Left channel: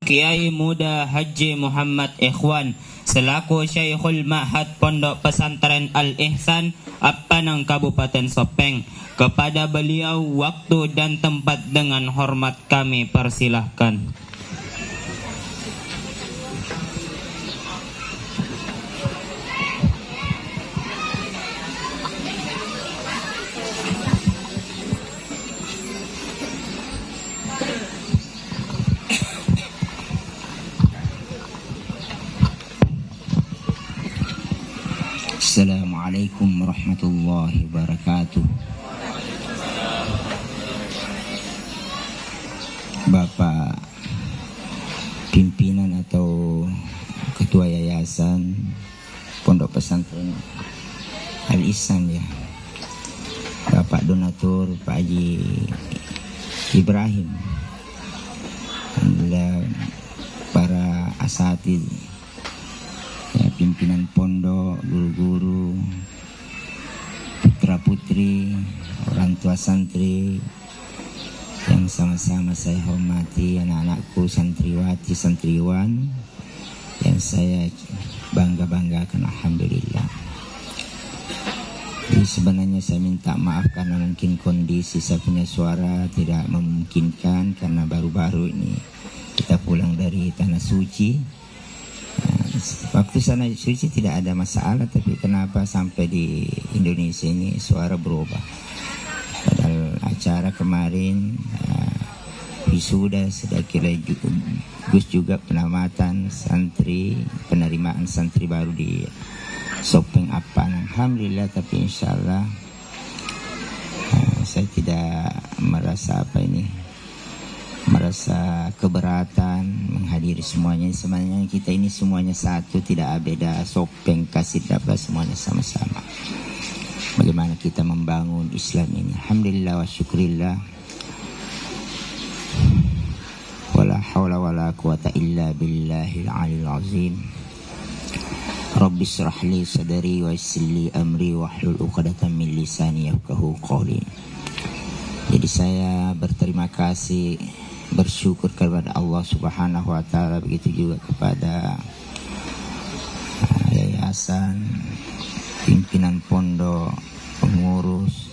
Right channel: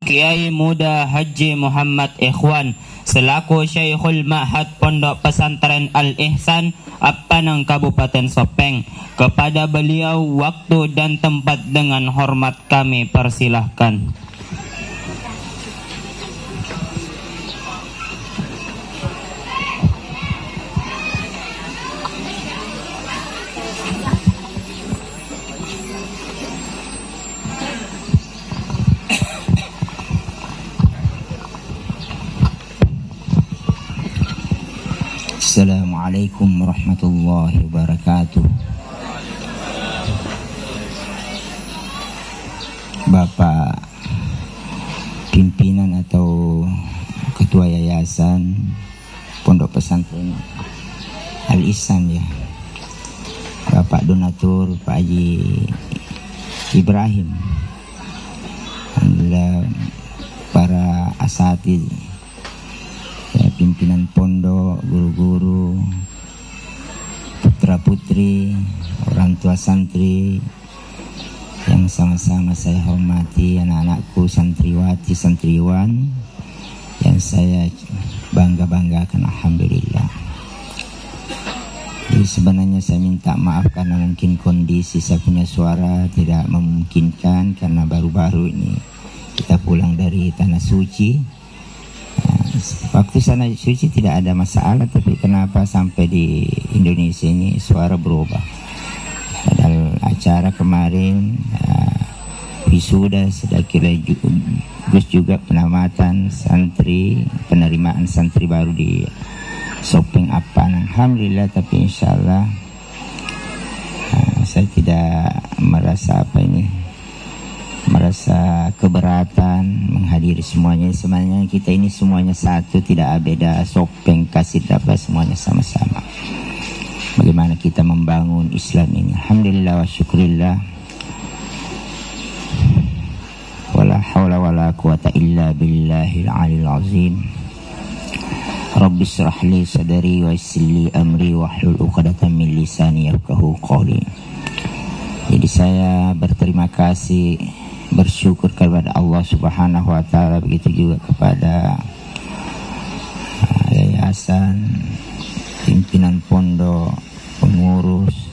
Kiai Muda Haji Muhammad Ikhwan selaku Syekhul Ma'had Pondok Pesantren Al-Ihsan Apanang Kabupaten Sopeng. Kepada beliau waktu dan tempat dengan hormat kami persilahkan. Assalamualaikum warahmatullahi wabarakatuh. Bapak pimpinan atau ketua yayasan Pondok Pesantren Al-Ihsan ya, Bapak donatur Pak Haji Ibrahim, alhamdulillah para asatidz, pimpinan pondok, guru-guru, putra-putri, orang tua santri yang sama-sama saya hormati, anak-anakku santriwati, santriwan yang saya bangga-banggakan, alhamdulillah. Jadi sebenarnya saya minta maaf karena mungkin kondisi saya punya suara tidak memungkinkan karena baru-baru ini kita pulang dari tanah suci. Waktu sana suci tidak ada masalah, tapi kenapa sampai di Indonesia ini suara berubah? Padahal acara kemarin wisuda sudah kira juga penamatan santri, penerimaan santri baru di Sopeng Apan, alhamdulillah. Tapi insya Allah saya tidak merasa merasa keberatan menghadiri semuanya. Sebenarnya kita ini semuanya satu, tidak beda Sopeng, Kasih, apa semuanya sama-sama. Bagaimana kita membangun Islam ini? Alhamdulillah wa syukurillah. Wala hawla wala quwata illa billahil aliyil azim. Rabbi shrah li sadri wa yassir li amri wahlul 'uqdatam min lisani yafqahu qawli. Jadi saya berterima kasih, bersyukur kepada Allah Subhanahu wa taala, begitu juga kepada yayasan, pimpinan pondok, pengurus,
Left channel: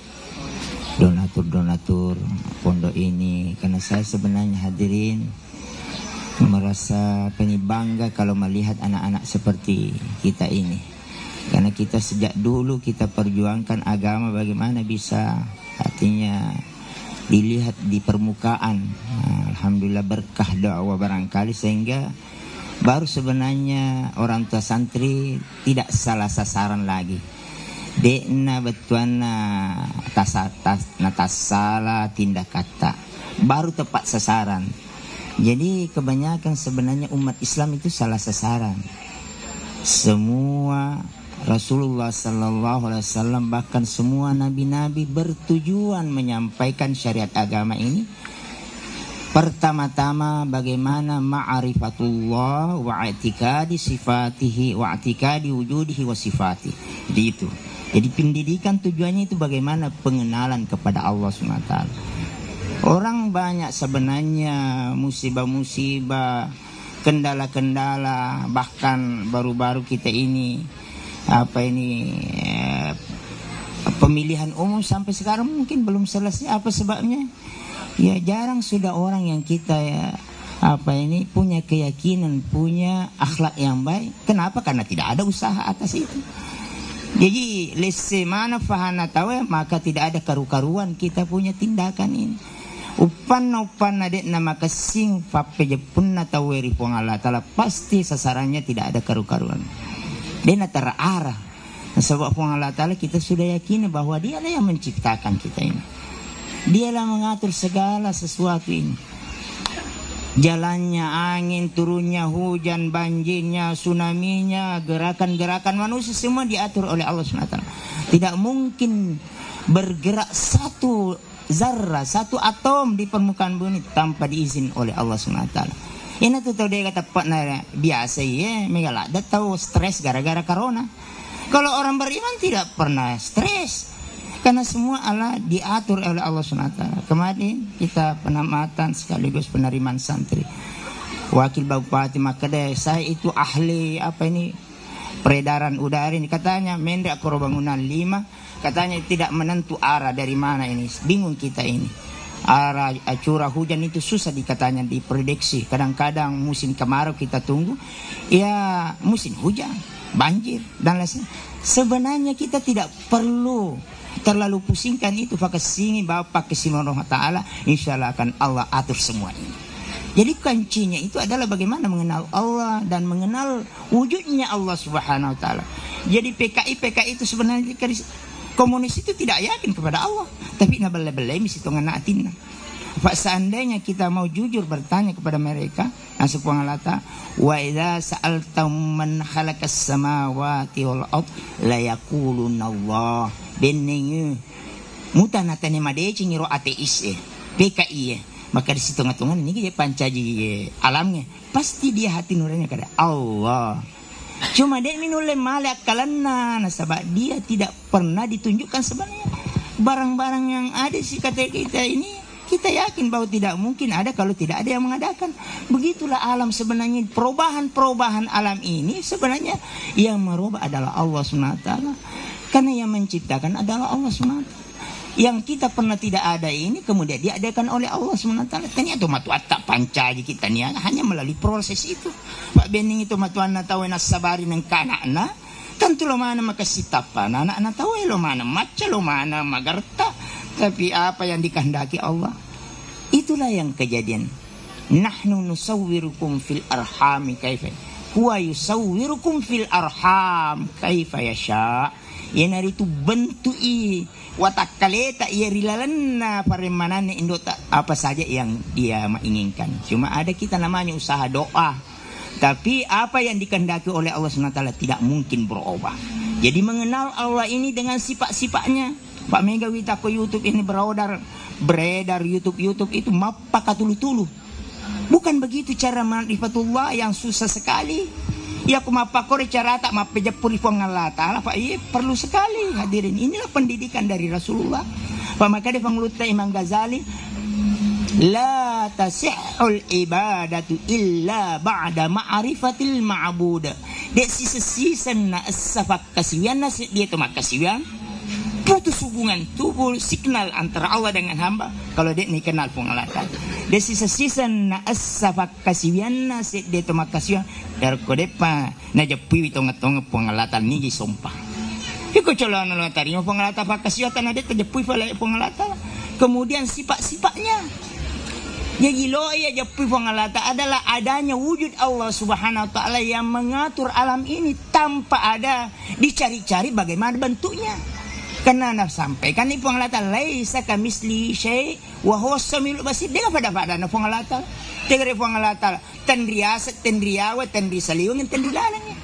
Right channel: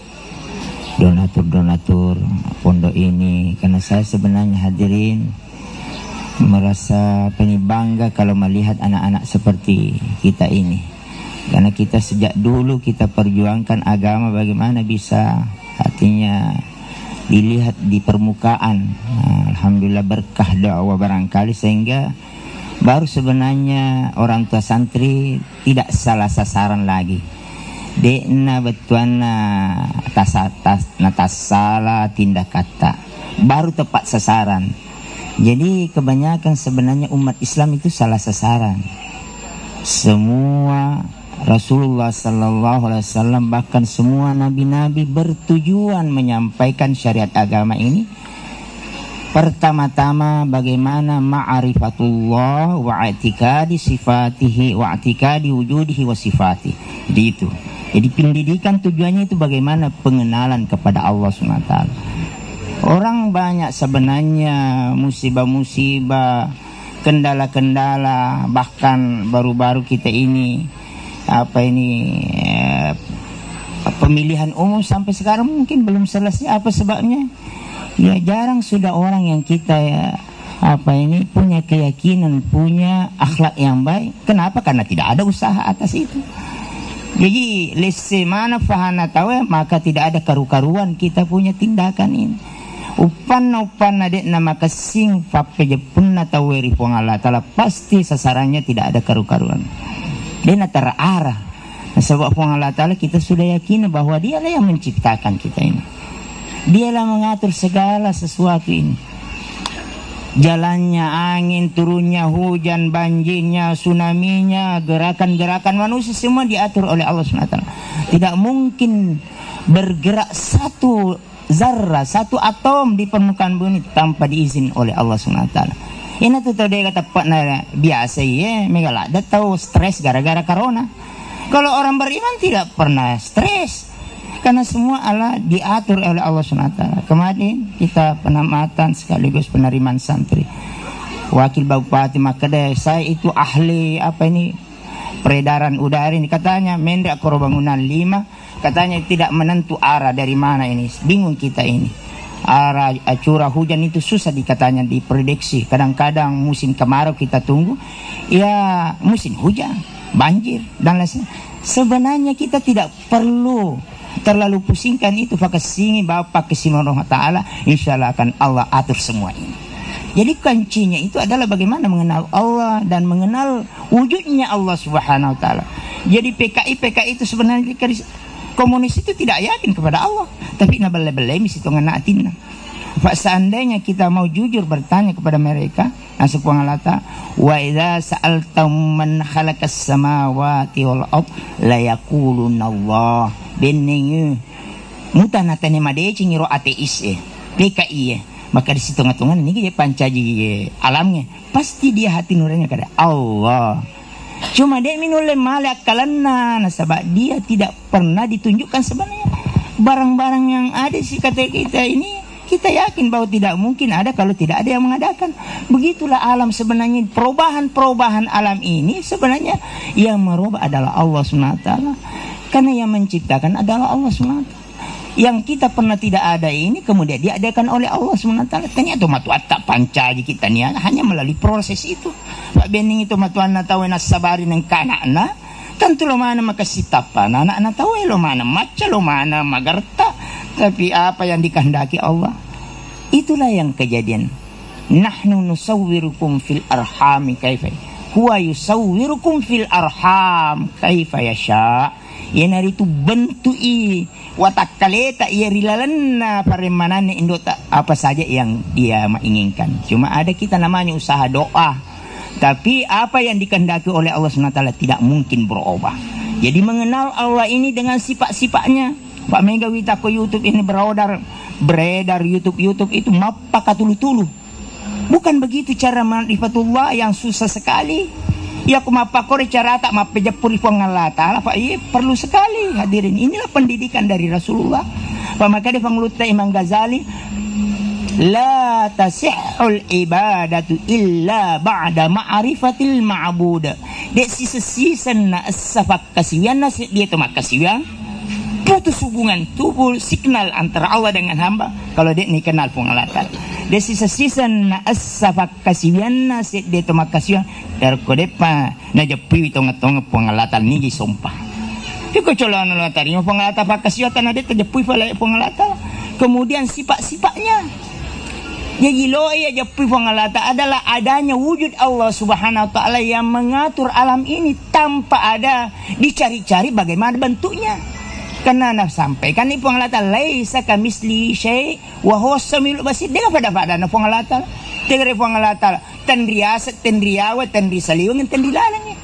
donatur pondok ini. Karena saya sebenarnya hadirin merasa bangga kalau melihat anak-anak seperti kita ini. Karena kita sejak dulu kita perjuangkan agama, bagaimana bisa artinya dilihat di permukaan. Alhamdulillah berkah doa barangkali, sehingga baru sebenarnya orang tua santri tidak salah sasaran lagi. Dekna betuana tasala tindak kata baru tepat sasaran. Jadi kebanyakan sebenarnya umat Islam itu salah sasaran. Semua Rasulullah sallallahu alaihi wasallam, bahkan semua nabi-nabi bertujuan menyampaikan syariat agama ini. Pertama-tama bagaimana ma'rifatullah wa i'tiqadi sifatihi wa i'tiqadi wujudihi wa sifatihi. Itu. Jadi pendidikan tujuannya itu bagaimana pengenalan kepada Allah SWT. Orang banyak sebenarnya musibah-musibah, kendala-kendala, bahkan baru-baru kita ini pemilihan umum sampai sekarang mungkin belum selesai. Apa sebabnya? Ya jarang sudah orang yang kita punya keyakinan, punya akhlak yang baik. Kenapa? Karena tidak ada usaha atas itu. Jadi lesemana fahana tahu, maka tidak ada karu-karuan kita punya tindakan ini. Upan adik nama kesing fapeje punna taweri Allah Ta'ala, pasti sasarannya tidak ada karu-karuan. Dia terarah. Sebab Allah Ta'ala kita sudah yakin bahwa dialah yang menciptakan kita ini. Dialah mengatur segala sesuatu ini. Jalannya angin, turunnya hujan, banjirnya, tsunami-nya, gerakan-gerakan manusia semua diatur oleh Allah SWT. Tidak mungkin bergerak satu zarrah, satu atom di permukaan bumi tanpa diizin oleh Allah SWT. Ini tuh dia kata Pak Nara biasa ya, megala ada tahu stres gara-gara corona. Kalau orang beriman tidak pernah stres, karena semua Allah diatur oleh Allah SWT. Kemarin kita penamatan sekaligus penerimaan santri. wakil bupati Makadai, saya itu ahli peredaran udara ini, katanya Mendak Bangunan 5 katanya tidak menentu arah dari mana ini, bingung kita ini. Arah curah hujan itu susah dikatanya diprediksi. Kadang-kadang musim kemarau kita tunggu, ya musim hujan, banjir dan lain-lain. Sebenarnya kita tidak perlu terlalu pusingkan itu. Fakasini Bapak Kesimano Ta'ala, insya Allah akan Allah atur semua ini. Jadi kuncinya itu adalah bagaimana mengenal Allah dan mengenal wujudnya Allah Subhanahu Wa Ta'ala. Jadi PKI itu sebenarnya komunis itu tidak yakin kepada Allah, tapi nabal-balai misi tu nganatin. Pak seandainya kita mau jujur bertanya kepada mereka, nasib pengalata, wa idza sa'altum man khalaqas samawati wal ard la yaquluna Allah. Bening mutanatane madeci ngiro ateis PKI maka di situ ngatungan ini pancaji alamnya pasti dia hati nuraninya kada Allah. Cuma dia minulai malak kalana, nasabah dia tidak pernah ditunjukkan sebenarnya barang-barang yang ada sih kata kita ini. Kita yakin bahwa tidak mungkin ada kalau tidak ada yang mengadakan. Begitulah alam sebenarnya. Perubahan-perubahan alam ini sebenarnya yang merubah adalah Allah SWT. Karena yang menciptakan adalah Allah SWT. Yang kita pernah tidak ada ini kemudian diadakan oleh Allah SWT. Ternyata matuan tak pancaji kita nih hanya melalui proses itu. Pak Bening itu matuan na tahu na sabari ng kanana. Tentu lo mana makasitapan. Anak-anak tahu lo mana maca lo mana magarta. Tapi apa yang dikehendaki Allah, itulah yang kejadian. Nahnu nusawwirukum fil arhami kaifa huwa yusawwirukum fil arham kaifa yasha. Yang hari itu bentui watakaleta ia rilalanna paremanane indota apa saja yang dia menginginkan. Cuma ada kita namanya usaha doa. Tapi apa yang dikehendaki oleh Allah SWT tidak mungkin berubah. Jadi mengenal Allah ini dengan sifat-sifatnya. Pak Mega Wita ko YouTube ini beredar YouTube itu mapa katulu-tulu. Bukan begitu cara ma'rifatullah yang susah sekali. Ya aku mapa kore cara tak mapa japur Allah Ta'ala. Pak iya perlu sekali hadirin. Inilah pendidikan dari Rasulullah. Pak maka dia penguluta Imam Ghazali, la tasihul ibadatu illa ba'da ma'rifatil ma'bud. Dek sisa-sisan na asafak kasiwian na dia tu makasiwian. Putus hubungan tubuh signal antara Allah dengan hamba kalau dia ni kenal pengalatan. Dia sisa-sisa na asafak kasiwian na dia tu makasiwian dar kodepa na japi tong-tong pengalatan ni sumpah. Iko colon lo tari pengalatan pakasiwian na dia terjapi pala pengalatan. Kemudian sifat-sifatnya. Jadi lo ya japi pengalatan adalah adanya wujud Allah Subhanahu Wa Ta'ala yang mengatur alam ini tanpa ada dicari-cari bagaimana bentuknya. Karena nak sampaikan ni pengalatan laisa kamisli syai wa huwa samiul basir. Dia pada na pengalatan. Tegere pengalatan tendriawa tendrisaliung tendrilalangnya.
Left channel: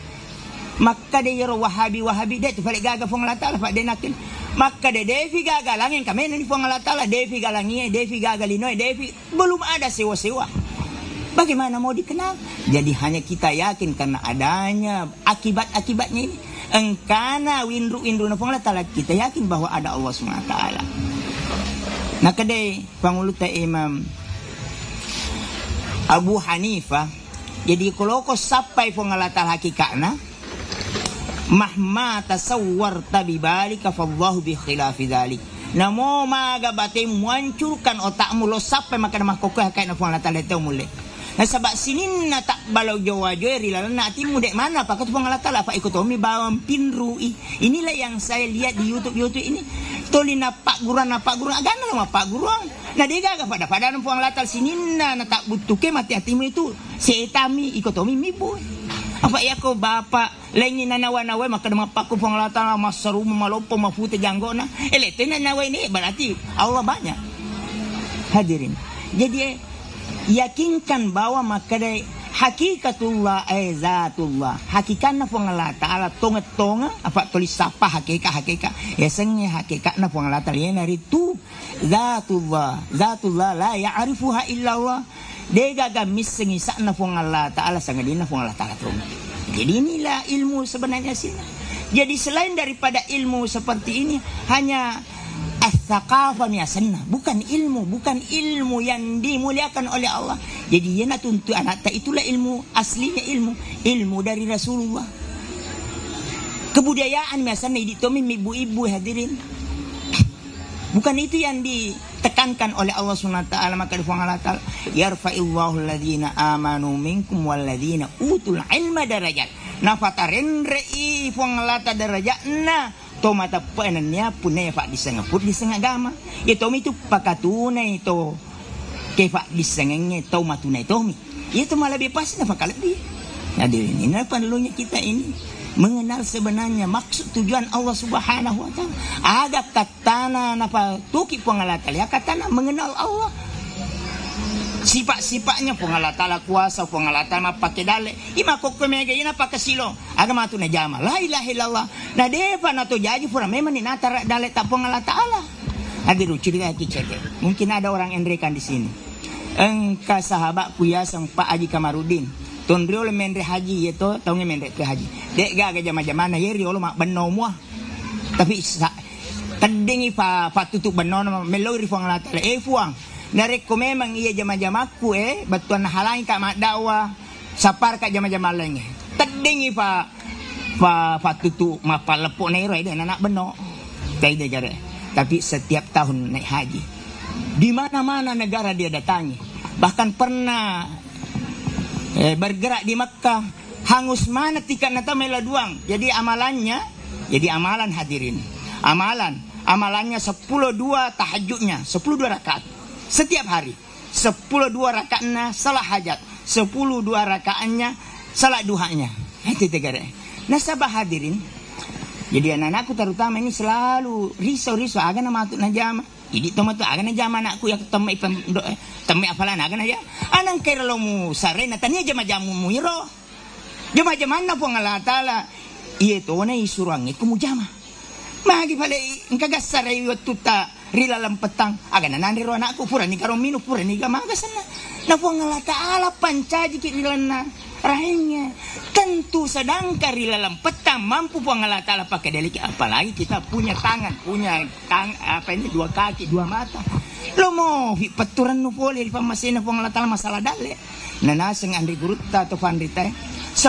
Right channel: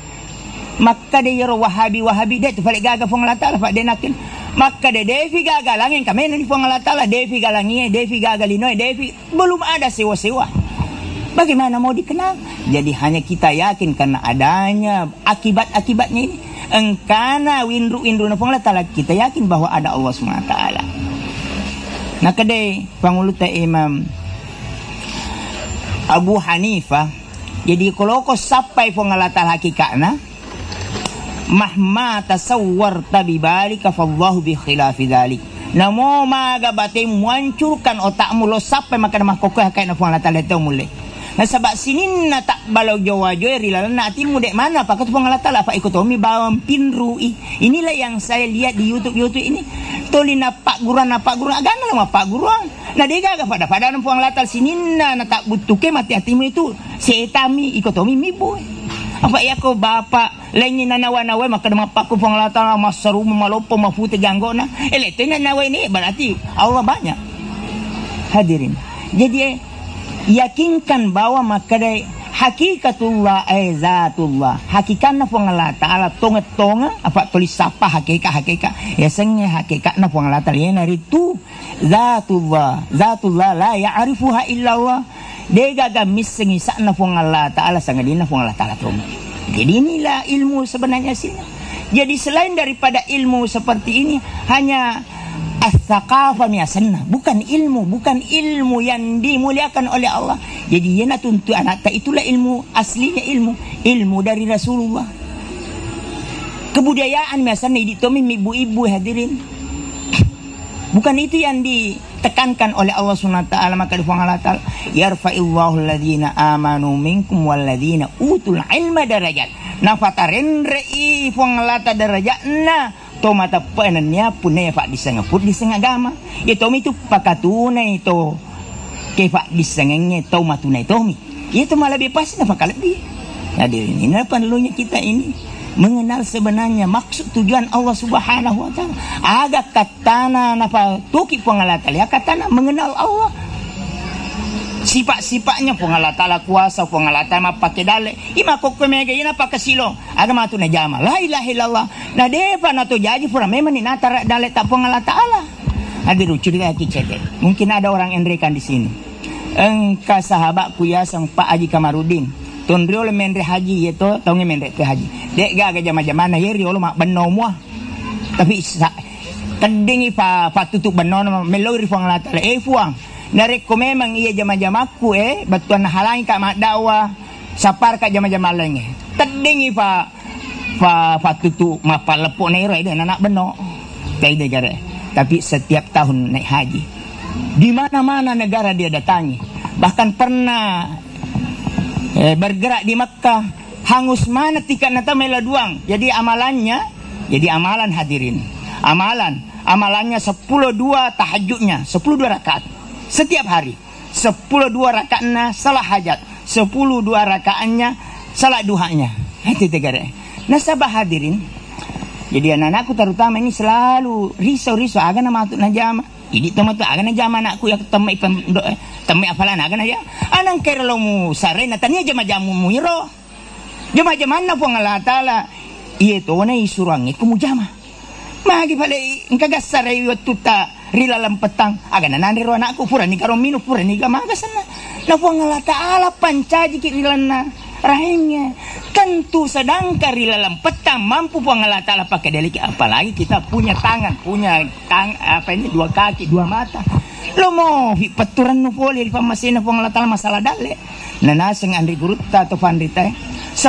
Maka dia wahabi dia tu balik gaga pengalatan Pak Denakin. Maka dia devi gagalangin kami ni pengalatan devi galangi devi gagalinoy devi belum ada sewa-sewa. Bagaimana mau dikenal? Jadi hanya kita yakin karena adanya akibat-akibatnya ini. Engkana windru na pengalatan kita yakin bahwa ada Allah SWT. Nah kedai panguluta Imam Abu Hanifah. Jadi kalau kau sampai pengalatan hakikatna mahma tasawwarta bibalika fallahu bi khilafi dzalik. Namo magabate muancurkan otakmu lo sampai makan mahkoko hakikatna pengalatan itu mulai. Nah sebab sinin na tak balau jawa-jawa rilalan na atimu dek mana pakai tu pengalatan apa ekonomi bawang pinrui. Inilah yang saya lihat di YouTube ini. Toli na pak guruan agana lah pak guruan. Nah dia gak pada pengalatan sinin na tak butuh ke mati atimu itu setami ekonomi mibu. Apa ya ko bapak lain na nawa-nawa maka mapak ko pengalatan masaru malopo mafute ganggona. Itu na nawa ini berarti Allah banyak. Hadirin. Jadi yakinkan bahwa makadai hakikatullah zatullah hakikatna Allah Ta'ala tonga apa tulis apa hakikat ya sengnya hakikatna Allah Ta'ala yang hari itu zatullah la ya'rifuha illallah dega gamis sengisakna Allah Ta'ala sangadina Allah Ta'ala tuh. Jadi inilah ilmu sebenarnya sih. Jadi selain daripada ilmu seperti ini hanya As-saqafa miasanna, bukan ilmu yang dimuliakan oleh Allah. Jadi yana tuntu anak itulah ilmu aslinya, ilmu dari Rasulullah. Kebudayaan miasanna ditomi ibu-ibu hadirin. Bukan itu yang ditekankan oleh Allah Subhanahu wa taala. Maka di Allah taala, yarfa'illahu alladhina amanu minkum walladhina utul ilma darajat. Nafatarin rei fuangalata darajatna tomata pananya punaya pak disengaput disengagama. Ya tomi itu pakatunai to kefa disengengnya tomatunai tomi. Itu malah lebih pasti nafak lebih. Hadirin, ini perlunya kita ini mengenal sebenarnya maksud tujuan Allah Subhanahu wa taala. Agak katana napa tuki pengalata ya katana mengenal Allah. Sifat-sifatnya pengalata la kuasa, pengalata ma pakai dale. Ima kok kemega ina pakai silong. Agama tu na jama. La ilaha illallah. Na depa na to jadi pura memang ni natara dale tak pengalata Allah. Hadiru cerita kicete. Mungkin ada orang enrekan di sini. Engka sahabatku ya sang Pak Haji Kamarudin. Tondriol mendre haji itu tahu nge mendre pe haji. Dek ga jama-jama na yeri olo mak benno muah. Tapi tendingi pa tutup benno melo ri fuang lata le fuang. Narek ko memang iya jama-jamaku batuan halangi ka mak dakwah sapar ka jama-jama lain. Tendingi pa tutup mak palepok nero ide anak benno. Tai negara. Tapi setiap tahun naik haji. Di mana-mana negara dia datangi. Bahkan pernah bergerak di Makkah, hangus mana tikat nata meladuang. Jadi amalan hadirin. Amalannya 10 dua tahajudnya, 10 dua rakaat setiap hari. 10 dua rakaatnya salat hajat, 10 dua rakaatnya salat duhanya. Itu tegara. Nasabah hadirin. Jadi anak-anakku terutama ini selalu risau aga nama tu najama. Ini teman tu aga najama anakku yang temai apalan aga naja. Anang kerlo mu sare na tania jama-jamu mu iro. Jama-jama na po ngalatala. Iye to na isurangi ku mu jama. Magi pala engkaga sare waktu ta rilalam petang. Aga na naniro anakku pura ni karo minu pura ni gamaga sana. Na po ngalatala pancaji ki rilana rahimnya. Tentu sedangkan rilalam petang mampu po ngalatala pakai deliki, apalagi kita punya tangan, dua kaki, dua mata. Lo mau peturan no poli di pamasina po ngalatala masalah dale. Nanaseng andri gurutta atau pandita 10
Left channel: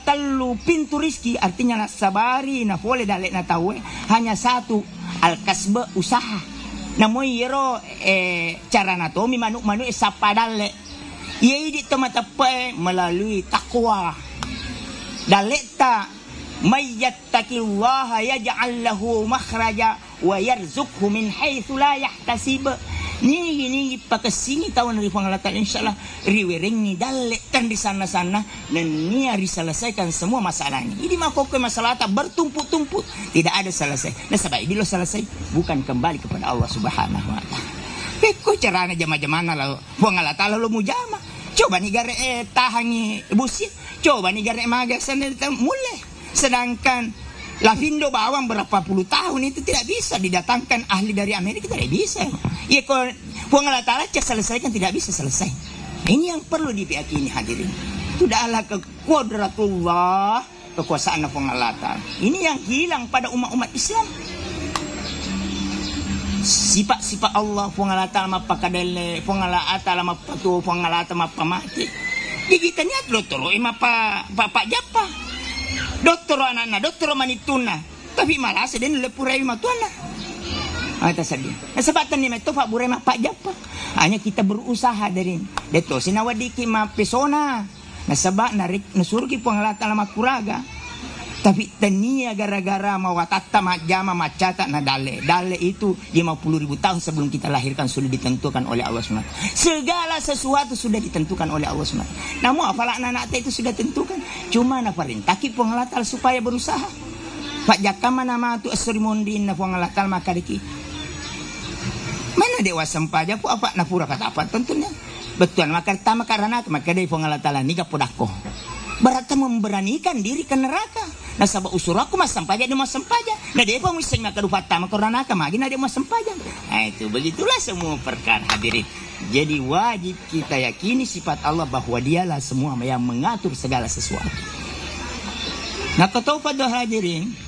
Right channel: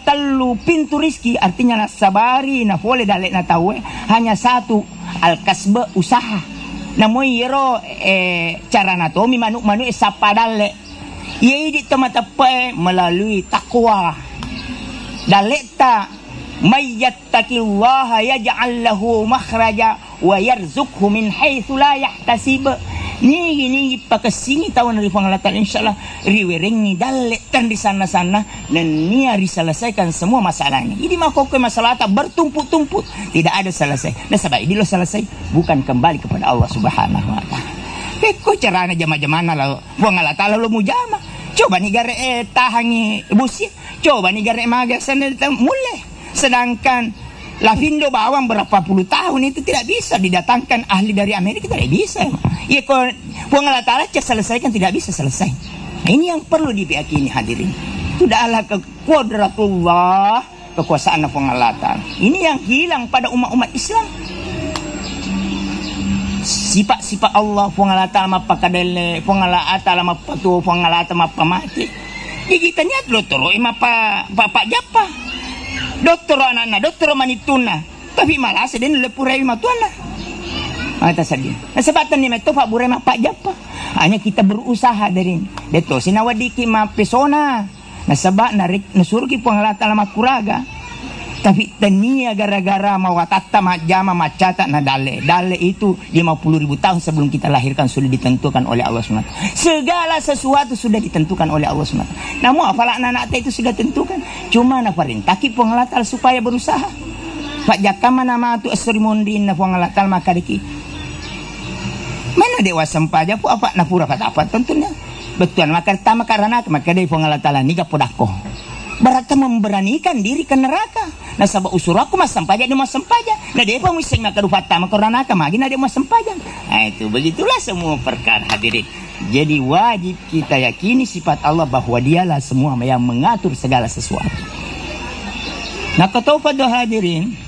talu pintu rizki, artinya nasabari na poli dale na tahu hanya satu al-kasba usaha. Namun yero cara natomi manu sapadale. Ia di tempat melalui takwa. Daleta mayyattaqillaha yaj'al lahu makhraja wa yarzuqhu min haitsu la yahtasib. Ni pakasini tahun dari pengalatan insyaallah riwereng ni daletan di sana-sana dan ni hari selesaikan semua masalahnya. Ini makok masalah tak bertumpuk-tumpuk, tidak ada selesai. Nah sebab ini lo selesai bukan kembali kepada Allah Subhanahu wa taala. Peko carana jama-jamana lo pengalatan lo mujama. Coba nih gare tahangi busi, coba nih gare magasan mulai. Sedangkan Lavindo bawang berapa puluh tahun itu tidak bisa didatangkan ahli dari Amerika, tidak bisa. Ya kalau pengalatala selesaikan tidak bisa selesai. Nah, ini yang perlu diyakini hadirin. Sudahlah kekuadratullah, kekuasaan pengalatan. Ini yang hilang pada umat-umat Islam. Sifat-sifat Allah pengalata mapa kadele pengalata lama patu pengalata mapa mati. Kita niat doktor mapa bapak japa. Doktor anak-anak, doktor manituna. Tapi malah sedang lepurai matuana. Mata sedih. Nah sebatan ni meto pak burai mapa japa. Hanya kita berusaha dari deto sinawadiki ma pesona. Nah sebab narik nusurki pengalata lama kuraga. Tapi tenia gara-gara mawatata majama macata na dale itu 50.000 tahun sebelum kita lahirkan sudah ditentukan oleh Allah SWT. Segala sesuatu sudah ditentukan oleh Allah SWT. Namun apalah anak-anak itu sudah tentukan. Cuma na perintaki pengalatal supaya berusaha. Pak jakama nama tu asrimundin na pengalatal makadiki. Mana dewa sempaja pu apa na pura kata apa tentunya. Betul maka pertama karena maka dari pengalatalan ni kapodako. Berarti memberanikan diri ke neraka. Nah sabab usuraku mas sempaja dia mas sempaja. Nah dia pun mesti nak kedupata makorana kamagi nah dia mas sempaja. Nah itu begitulah semua perkara hadirin. Jadi wajib kita yakini sifat Allah bahwa dialah semua yang mengatur segala sesuatu. Nah kata pada hadirin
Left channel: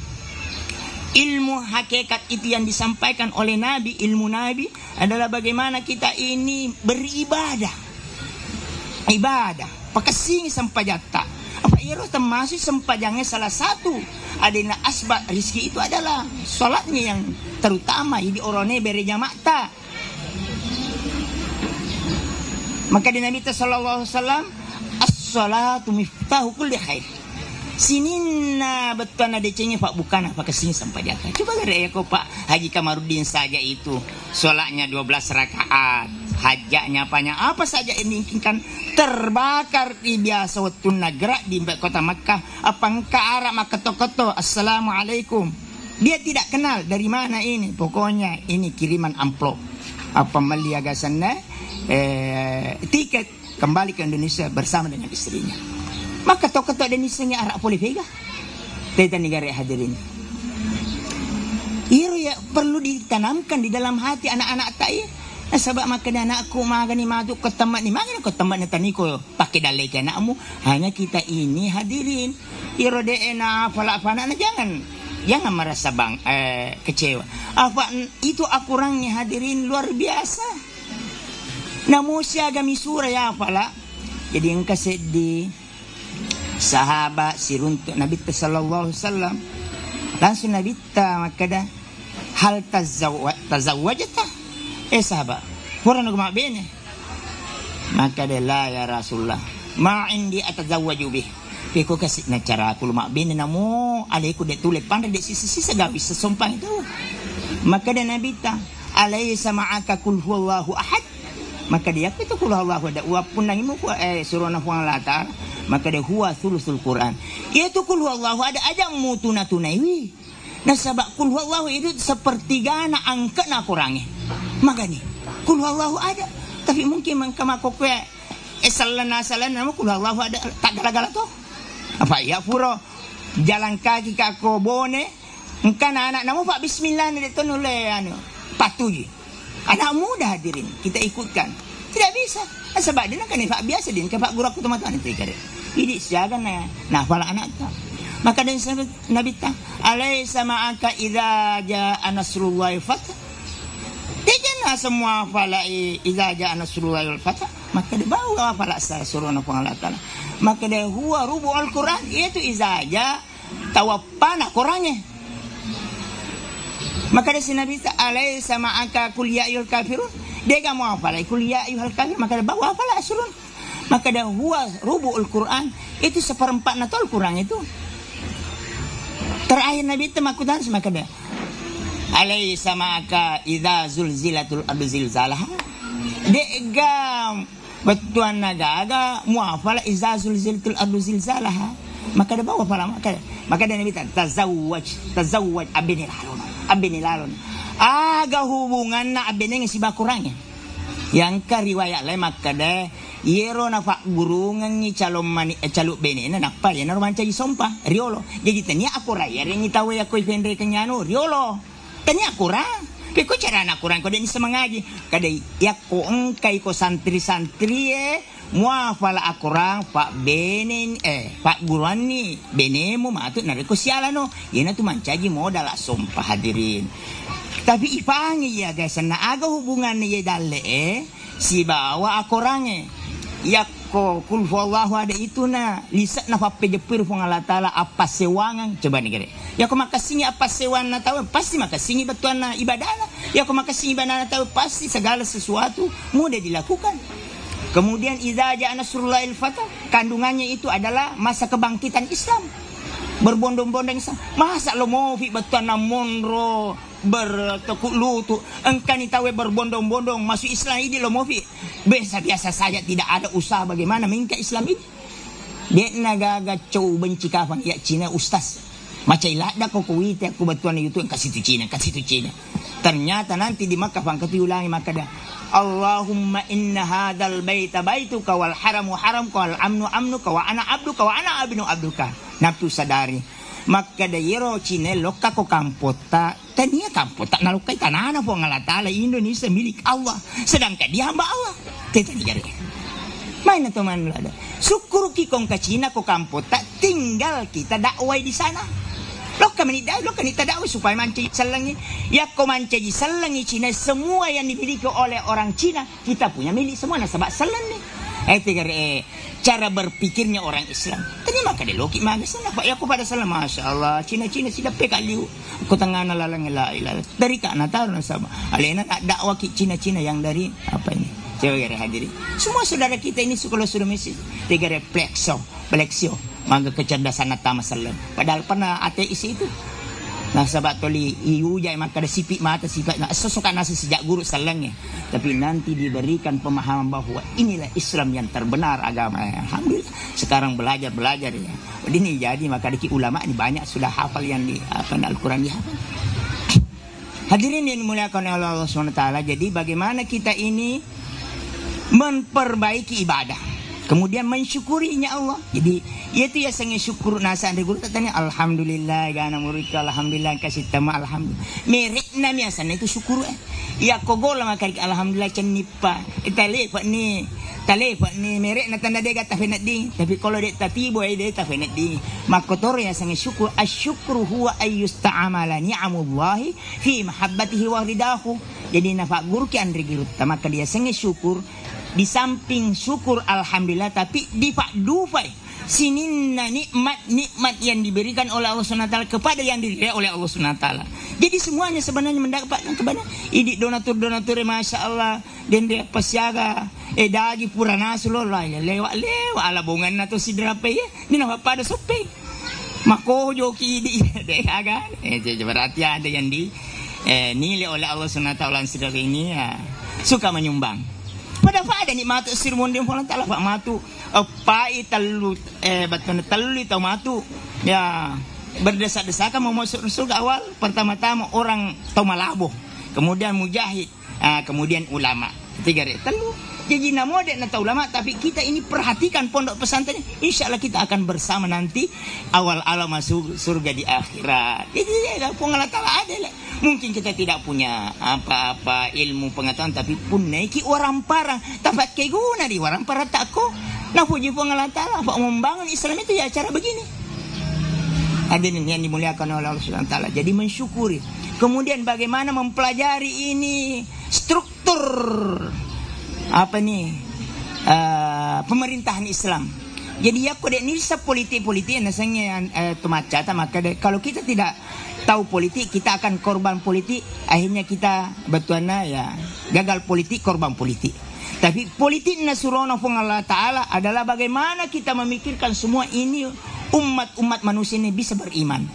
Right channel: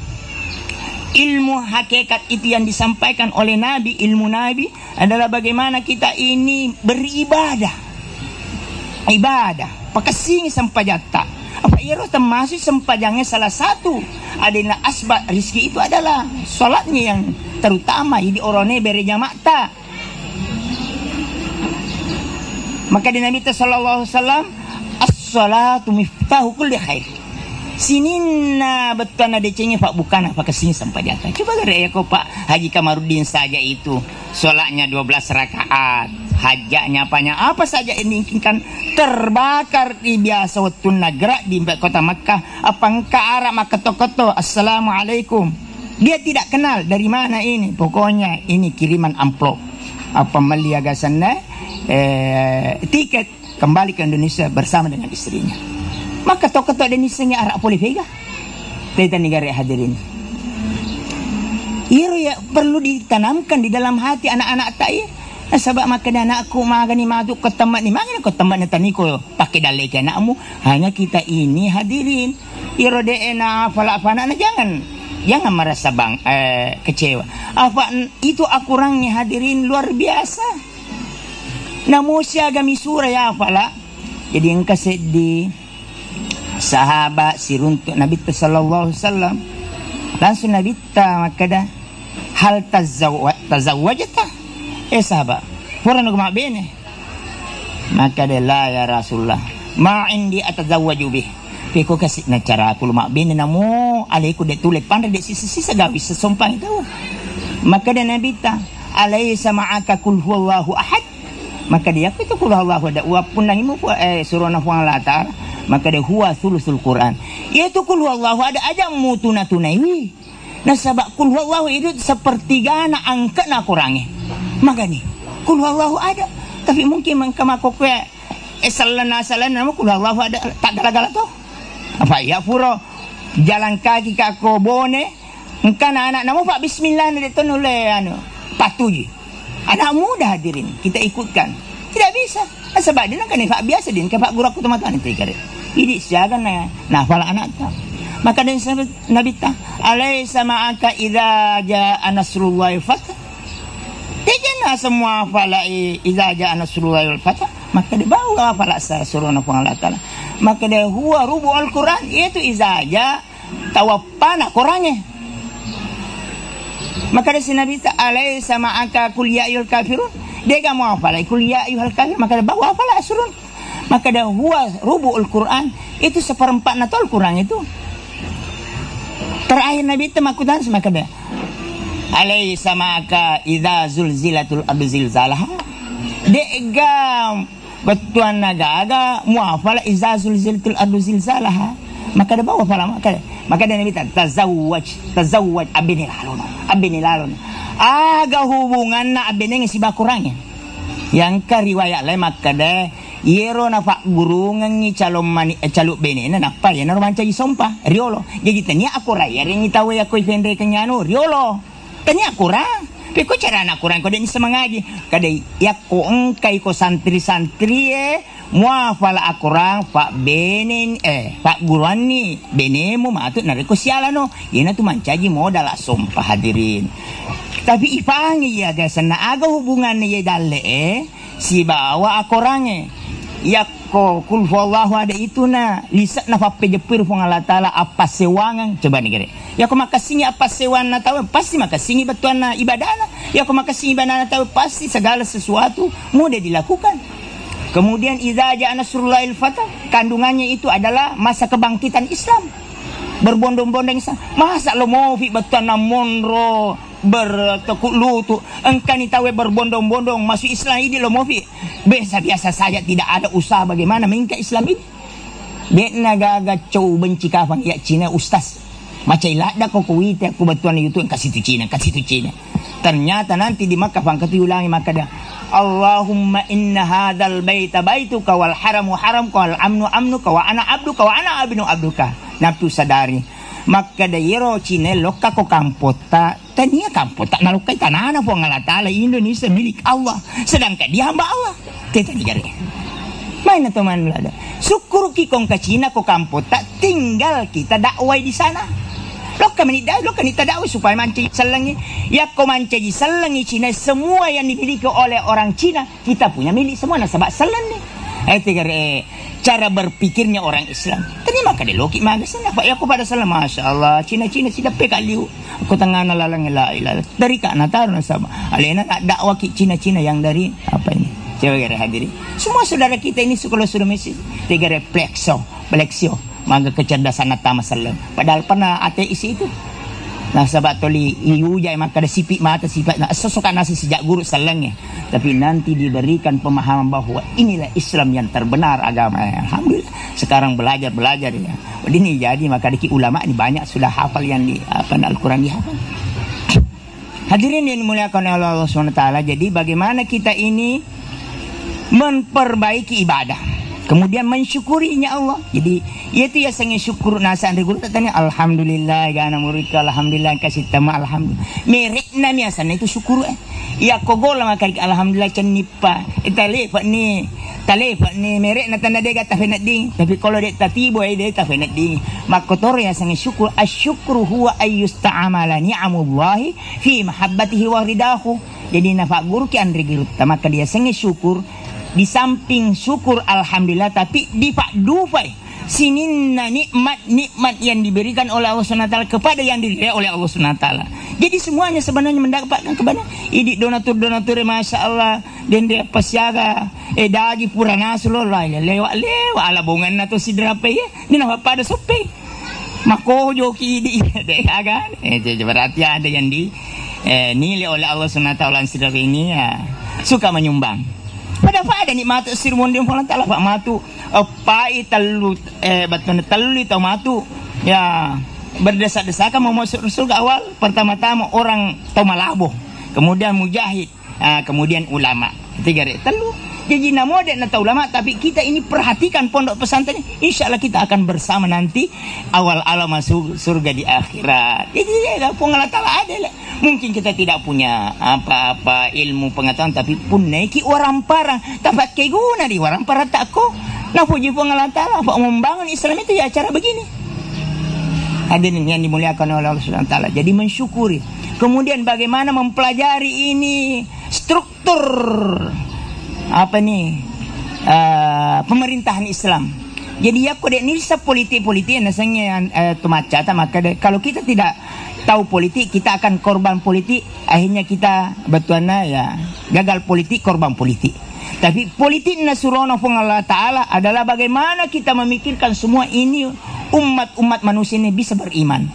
ilmu hakikat itu yang disampaikan oleh Nabi, ilmu Nabi adalah bagaimana kita ini beribadah. Ibadah, pakasing sampajata. Apa iro termasuk sempajangnya salah satu adalah asbab rizki itu adalah solatnya yang terutama. Jadi orangnya berjamaah tak. Maka di Nabi sallallahu alaihi wasallam as-salatu miftahu kulli khair. Sinina betul ada cengnya Pak bukan apa kesini sampai jatuh. Coba gak kok Pak Haji Kamarudin saja itu solatnya 12 rakaat. Hajaknya apa saja ini kan terbakar di biasa waktu nagrak di kota Makkah. Apa engkau arah maka keto-keto assalamualaikum. Dia tidak kenal dari mana ini. Pokoknya ini kiriman amplop. Apa meliaga sana tiket kembali ke Indonesia bersama dengan istrinya. Maka keto-keto dan istrinya arah polivega. Teta negara hadirin. Iro ya perlu ditanamkan di dalam hati anak-anak saya. Sebab maka anakku magani maduk ke tempat ni magani ke tempat ni taniko pakai dalek anakmu. Hanya kita ini hadirin iro deena fala-fala jangan merasa kecewa. Apa itu akurangnya hadirin luar biasa. Namo siaga misura ya fala. Jadi engkau sedih sahabat siruntuk Nabi sallallahu alaihi wasallam langsung Nabi maka dah hal tazawwajta sahabat, kurang aku mak bene. Maka dia la ya Rasulullah, ma indi atazawwaju bih. Peko kasih na cara aku mak bene namo, alaiku de tulis pandai de sisi gabis sesompang itu. Maka dia Nabi ta, alaysa ma'aka kul huwallahu ahad. Maka dia itu kul huwallahu ahad. Wa punangimu surah Allah Ta'ala. Maka dia huwa thuluthul Quran. Itu kul huwallahu ada aja tunai. Nah sabak kul huwallahu itu sepertiga na angka na kurangnya. Maka nih kul huwallahu ada. Tapi mungkin mengkamakok salana nama kul huwallahu ada tak galak-galak tuh. Apa ya puro jalan kaki kako bone. Engkan anak namu Pak bismillah itu nule patuji. Anak muda hadirin kita ikutkan. Tidak bisa. Sebab dia kan Pak biasa din ke Pak guru aku teman-teman itu kare. Ini siaga nah fala anak tak. Maka dari Nabi ta alaysa ma'aka idza jaa nasrullahi wal fath. Dia semua fala idza jaa nasrullahi wal fath. Maka dia bawa fala surah Allah Ta'ala. Maka dia huwa rubu'ul Quran itu idza jaa tawaffana Qurannya. Maka dari Nabi ta alaysa ma'aka kul ya ayyuhal kafirun. Dia enggak mau fala kul ya ayyuhal kafirun maka dia bawa fala surun. Maka dia huwa rubu'ul Quran itu seperempat natal Quran itu. Terakhir Nabi itu makutan maka dah alaysa ma'aka idza zulzilatul ardu zilzalaha. Degam betuan naga muafala idza zulzilatul ardu zilzalaha. Maka dia bawa fala maka dia Nabi tazawwaj abinilalun. Aga hubungan na abine si bakurangnya. Yang ka riwayat lain maka dah yero na pak gurungan ni caluk bene na napa ya norman cai sompa riolo jadi tanya aku raya ring tahu ya koi pendre kenyano riolo tanya kurang peko cara anak kurang kau dengi semangaji kadai ya ko engkai ko santri muafala akurang pak benen pak guruan ni benemu matut nareko sialano yena tu mancaji modal sompa hadirin. Tapi ipangi ya guys na aga hubungan ni dalle si bawa akorangnya yakko kul huwallahu ada itu na lisak na pape jepir pun Allah Ta'ala apa sewangan coba nih gere yakko makasihnya apa sewan na tahu pasti makasihnya betuan na ibadah na yakko makasihnya ibadah na tahu pasti segala sesuatu mudah dilakukan. Kemudian idza jaa nasrullahil fath kandungannya itu adalah masa kebangkitan Islam berbondong-bondong masa lo mau fi betuan na monro bertekuk lutut engkau ni tahu berbondong-bondong masuk Islam ini lo mau biasa saja tidak ada usaha bagaimana mengingkat Islam ini dia naga cow benci kafan ya Cina ustaz macam ilada kau kuit aku betuan itu kasih tu Cina ternyata nanti di Makkah pangkat ulangi maka dah Allahumma inna hadzal baita baituka wal haramu haramka wal amnu amnuka wa ana abduka wa ana abnu abduka nafsu sadari. Maka dairo Cina loka ko kampota tania kampota nalukai tanana po Allah Ta'ala Indonesia milik Allah sedangkan dia hamba Allah kita digare main teman lada syukur ki kong ke Cina ko kampota tinggal kita dakwai di sana Lo kami tidak supaya manci selengi. Ya kau manci selengi Cina, semua yang dimiliki oleh orang Cina kita punya milik semua. Nasabak selengi. Cara berpikirnya orang Islam. Terima kasih loki magasin apa ya aku pada salam masya Allah Cina sudah pekaliu. Aku tengah nalalang la ilah dari kak natar nasabak. Alena dakwah Cina yang dari apa ini? Coba hadirin. Semua saudara kita ini kalau sudah mesti tiga refleksio, maka kecerdasan natama salam. Padahal pernah ateis itu. Nah sahabat toli iuja maka ada sipik mata sifat. Nah sesuka nasi sejak guru salangnya. Tapi nanti diberikan pemahaman bahwa inilah Islam yang terbenar agama. Alhamdulillah. Sekarang belajar ya. Ini jadi maka diki ulama ini banyak sudah hafal yang di Al-Quran dihafal. Hadirin yang dimuliakan oleh Allah SWT. Jadi bagaimana kita ini memperbaiki ibadah, kemudian mensyukurinya Allah. Jadi itu ya sangat syukur nasa andri guru tanya alhamdulillah gana murika alhamdulillah kasih tama alhamdulillah merekna miasana itu syukur ya kogola makari alhamdulillah cenipa italefa ni merek na tanda dega tafenat ding tapi kalau dek tatibo dek tafenat ding makotor ya sangat syukur asyukru huwa ayyusta'amala ni'amullahi fi mahabbatihi wa ridahu. Jadi nafak guru ki andri guru maka dia sangat syukur. Di samping syukur alhamdulillah tapi difakdufai sininna nikmat yang diberikan oleh Allah SWT kepada yang diberikan oleh Allah SWT. Jadi semuanya sebenarnya mendapatkan kepada idik donatur masya Allah dan dia pasiaga dagi purana sulollah ya lewat ala bongan nato sidrape ya dina pada sope mako joki di deh agan berarti ada yang nilai oleh Allah SWT sidrape ini ya suka menyumbang. Pada ada nikmat sirmon dem Allah taala pak matu pai talut talu tau matu ya berdesak-desakan mau masuk surga awal pertama-tama orang tau malabo kemudian mujahid kemudian ulama tiga telu jadi namo dek nata ulama tapi kita ini perhatikan pondok pesantren insyaallah kita akan bersama nanti awal masuk surga di akhirat. Jadi ya pengalat taala ada lah. Mungkin kita tidak punya apa-apa ilmu pengetahuan tapi pun naiki orang parang tempat ke guna di orang parang tak ko. Nah puji pengalat taala apa membangun Islam itu ya cara begini. Hadirin yang dimuliakan oleh Allah Subhanahu wa taala. Jadi mensyukuri. Kemudian bagaimana mempelajari ini struktur pemerintahan Islam. Jadi ya kode ini politik nasanya tumacata maka kalau kita tidak tahu politik kita akan korban politik akhirnya kita betuana ya gagal politik korban politik. Tapi politik nasurana Allah Ta'ala adalah bagaimana kita memikirkan semua ini umat manusia ini bisa beriman.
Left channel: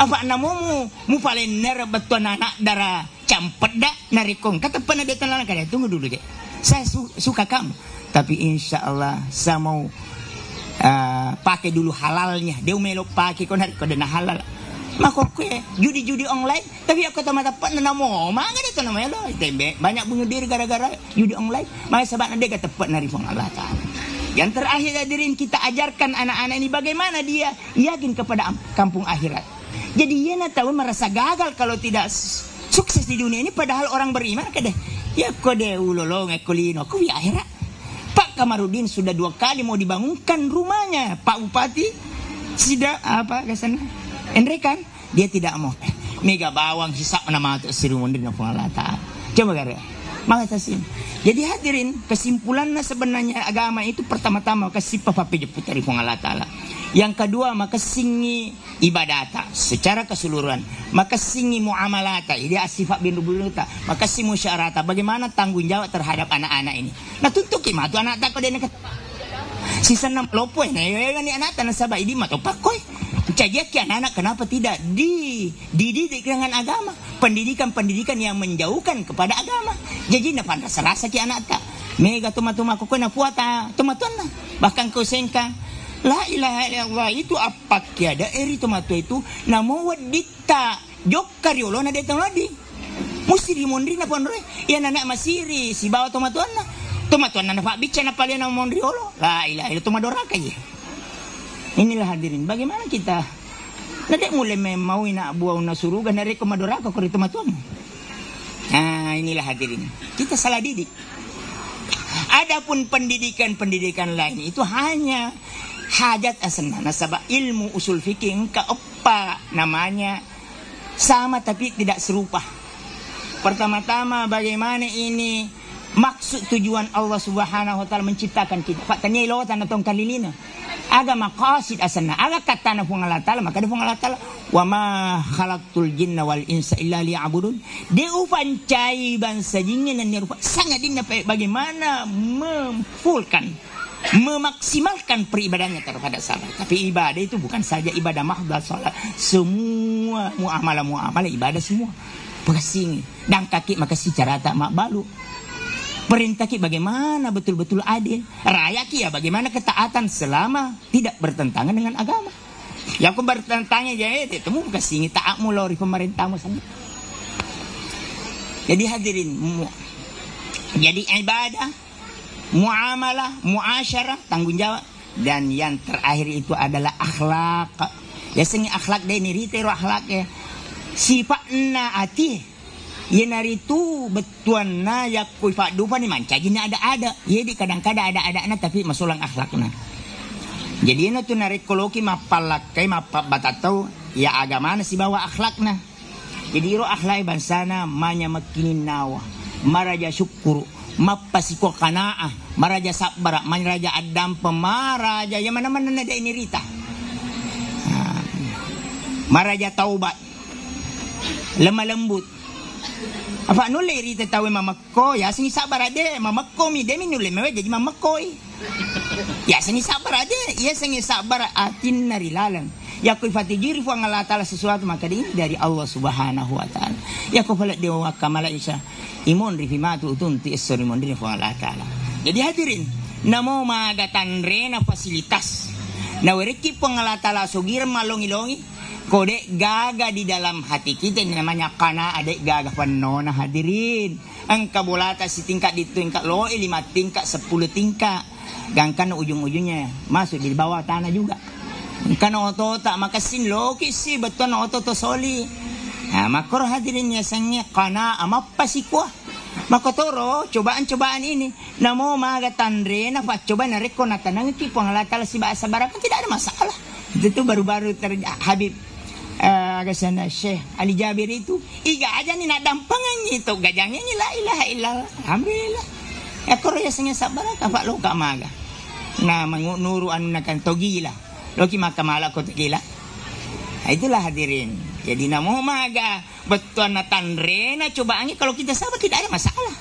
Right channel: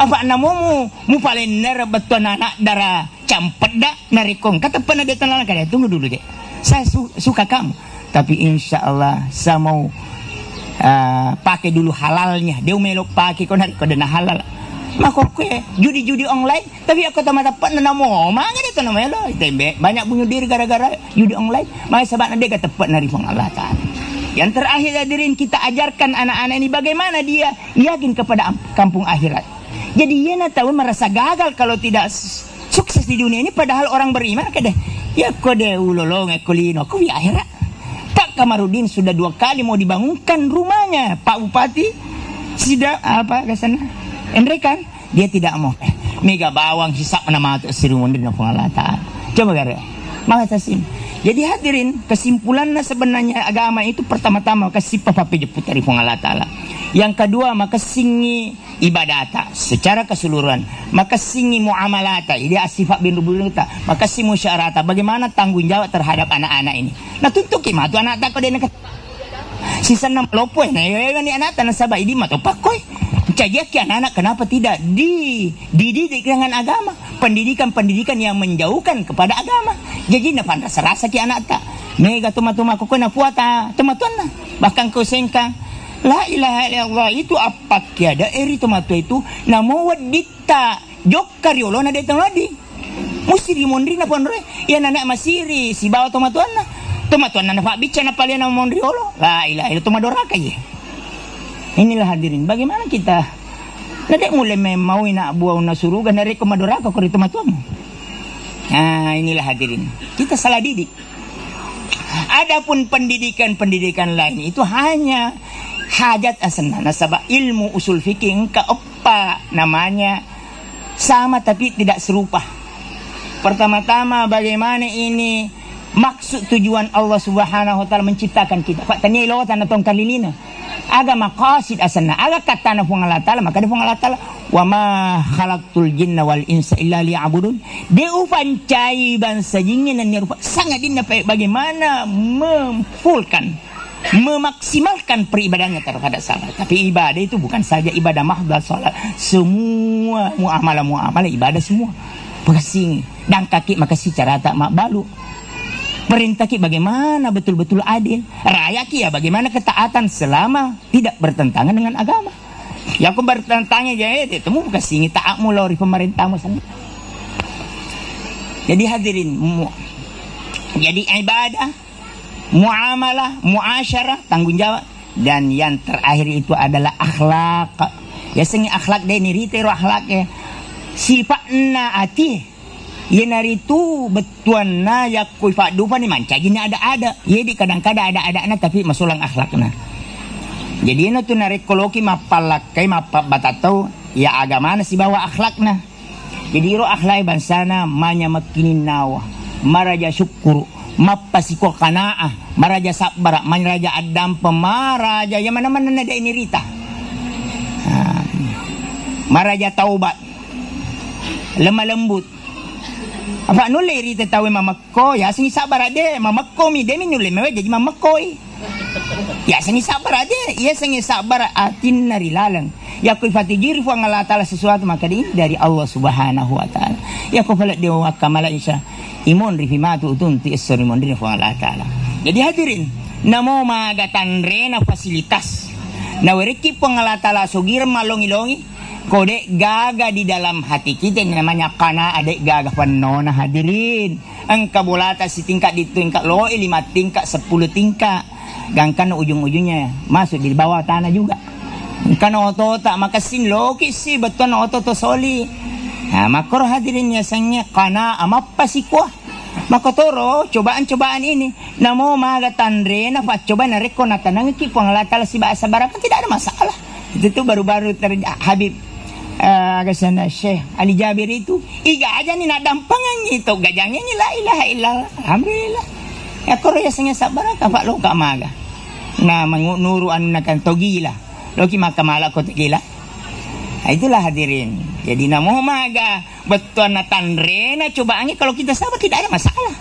Apa namomu mu paling ner betuana anak darah campet dak narikong kata pernah dia tanah kaya tunggu dulu deh. Saya suka kamu tapi insya Allah saya mau pakai dulu halalnya dia melok pakai kode halal maka kue judi online tapi aku tak dapat namo mana dia namanya lo banyak bunuh diri gara-gara judi online maka sebab dia tepat dari Allah Ta'ala. Yang terakhir hadirin kita ajarkan anak-anak ini bagaimana dia yakin kepada kampung akhirat. Jadi dia tahu merasa gagal kalau tidak sukses di dunia ini padahal orang beriman kadeh ya kode ulolong ekolino ku di akhirat. Pak Kamarudin sudah 2 kali mau dibangunkan rumahnya Pak Bupati sudah ke sana Endrekan dia tidak mau mega bawang hisap nama tu sirumundin Allah Ta'ala. Coba gara makasih. Jadi hadirin kesimpulannya sebenarnya agama itu pertama-tama kasih papapi jeput dari Allah Ta'ala. Yang kedua maka singi ibadata secara keseluruhan, maka singi muamalata dia sifat bin rubulita, maka singi musyawarata bagaimana tanggung jawab terhadap anak-anak ini. Nah tuntut kima tu anak tak kau dia nak sisa 6 lopoy nah ni anak tanah sabah ini mah pakoi cajak ki anak-anak kenapa tidak dididik dengan agama, pendidikan yang menjauhkan kepada agama. Jadi na rasa ki anak tak mega tuma-tuma ko na puata tuma-tuna bahkan ko sengkang la ilaha illallah itu apa kiada eri tomato itu namo wadita jokkariolo na detang ladi musiri mondri na ponre ya anak masiri si bawa tomato na fa bica na palian na mondriolo la ilaha illallah tomadora kay. Inilah hadirin bagaimana kita nadek mulai mau ina buah na surugan dari komadora ko kori tomato. Nah inilah hadirin kita salah didik. Adapun pendidikan lain itu hanya hajat asana nasabah ilmu usul fikih engka Apa namanya? Sama tapi tidak serupa. Pertama-tama bagaimana ini maksud tujuan Allah Subhanahu wa taala menciptakan kita. Pak tanya lo tanah tong kalilina. Aga maqasid asana, aga katana fu Allah taala, maka fu Allah taala wa ma khalaqtul jinna wal insa illa liya'budun. Dia upancai bangsa jin dan rupa sangat dinna bagaimana memaksimalkan peribadahannya terhadap sahabat. Tapi ibadah itu bukan saja ibadah mahdzah salat, semua muamalah ibadah semua. Pengasing dan kaki makasih cara tak mak balu. Perintah ki bagaimana betul-betul adil. Raya ki ya bagaimana ketaatan selama tidak bertentangan dengan agama. Yang aku bertentangan jadi temu kasih taat mulai pemerintahmu sama. Jadi hadirin, jadi ibadah, muamalah, muasyarah, tanggung jawab, dan yang terakhir itu adalah akhlak. Ya sengi akhlak deh ni ritero akhlaknya. Sifatna ati yenari tu betuan na yakui fakdupa ni mancagina ada. Jadi kadang-kadang ada tapi masulang akhlakna. Jadi ino tu narik koloki mapalakai mapabatatau ya agama na si bawa akhlakna. Jadi iro akhlai bansana manya makinin nawa, maraja syukuru, mapasiko kanaah, maraja sabara, maraja adam pemaraja yang mana-mana nada ini rita. Maraja taubat. Lemah lembut. Apa nule rita tahu mamakko ya sengi sabar ade mamakko mi demi nule mewe jadi mamakkoi. Ya sengi sabar ade ya sengi sabar atin nari lalang. Ya kul fatijir fu Allah taala sesuatu maka ini dari Allah Subhanahu wa taala. Ya ku falat dia wa kamala isa imun rifimatu tunti isrimon dari fu Allah taala. Jadi hadirin namo magatan rena fasilitas. Na wereki fu Allah taala sugir malongi-longi. Kode gaga di dalam hati kita namanya kana adek gaga panona hadirin. Angka bolata si tingkat di tingkat loe 5 tingkat 10 tingkat. Gangkan ujung-ujungnya masuk di bawah tanah juga. Kan oto tak makasin loki si beton oto to soli. Nah makor hadirin yasanya kana amapa si kuah. Makotoro cobaan-cobaan ini namo magatan rena fa coba nareko natanang ki pangalatala si bahasa barat tidak ada masalah. Itu baru-baru Habib Agasana Syekh Ali Jabir itu iga aja ni nak dampangan itu gajangnya ni la ilaha illallah alhamdulillah ya korea senya sabar ka lo ka maga na manguru anakan togila lo ki makamala ko togila itulah hadirin jadi namo maga betul na tanrena cobaannya kalau kita sabar tidak ada masalah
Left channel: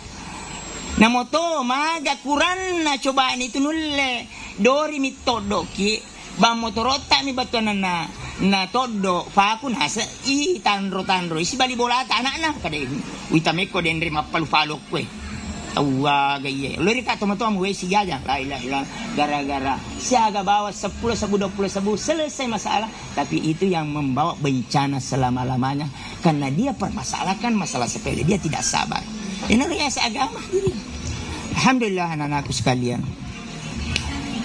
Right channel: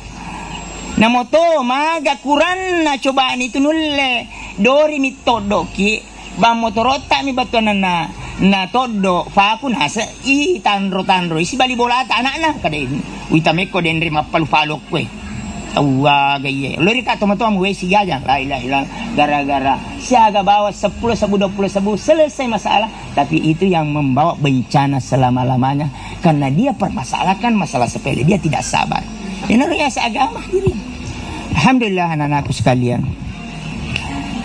namo to maga kuran na cobaan itu nulle dori mitodo ki ba motorota mi betul na todo fa aku nasa I tanro isi bali bola anak na kada ini witameko den rima palu kue awa gaye lori ka tomato am we sigaja la ilaha illallah gara-gara siaga bawa 10 sabu 20 sabu selesai masalah tapi itu yang membawa bencana selama-lamanya karena dia permasalahkan masalah sepele dia tidak sabar ini riasa agama diri alhamdulillah anak-anakku sekalian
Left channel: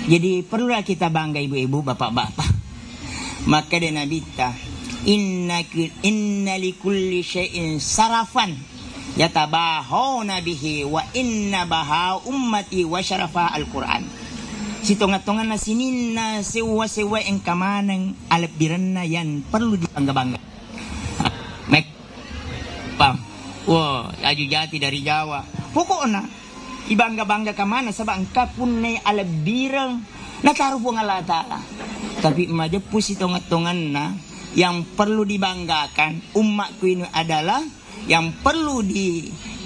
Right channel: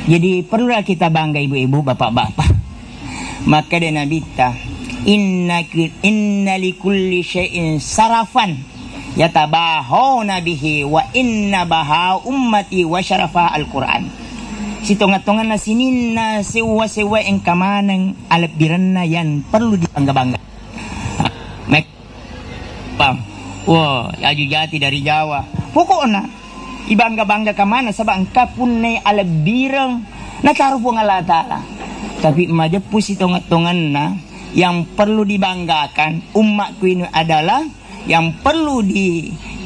jadi perlulah kita bangga ibu-ibu bapak-bapak. Maka dia nabita inna likulli syai'in sarafan yatabahawna bihi wa inna baha ummati wa syarafa al-Quran. Si tonga-tonga na sinina sewa-sewa yang kamanang alapiran na yan perlu dibangga-bangga. Wow, aju jati dari Jawa. Pokoknya ibangga-bangga kamana sabang kapunay alabiran nakarupong Allah Ta'ala. Tapi majapus tongan-tongan na yang perlu dibanggakan umatku ini adalah yang perlu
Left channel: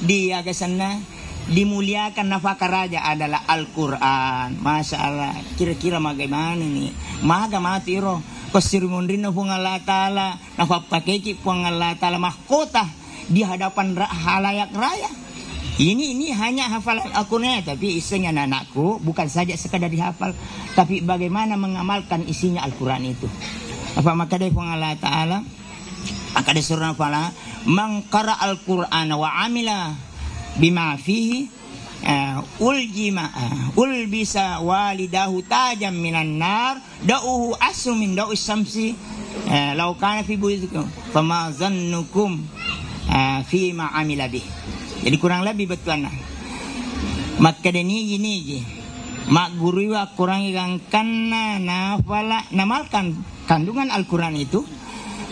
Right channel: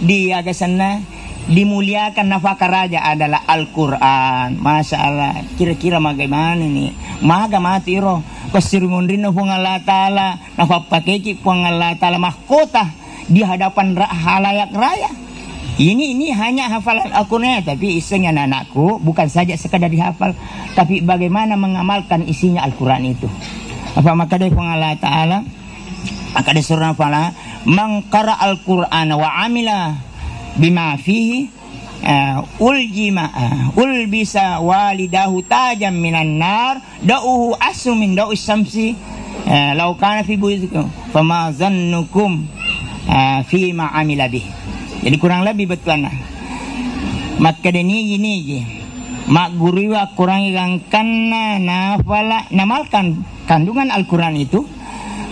diagasan dimuliakan nafaka raja adalah Al-Quran. Masya Allah kira-kira bagaimana nih maga mati roh kosirumundrin na Allah Ta'ala nafapakeki pung Allah Ta'ala mahkota di hadapan halayak raya. Ini hanya hafalan Al-Quran tapi isinya anakku bukan saja sekadar dihafal tapi bagaimana mengamalkan isinya Al-Quran itu. Apa maka dari Allah Ta'ala maka dari surah Al-Fala mangkara Al-Quran wa amila bima fihi ulbisa walidahu tajam minan nar da'uhu asu min da'us samsi law kana fi buyutikum fama zannukum fi ma amila bih. Jadi kurang lebih betul nah. Maka ini gini je. Mak guru wa kurang ingangkan nafala namalkan kandungan Al-Quran itu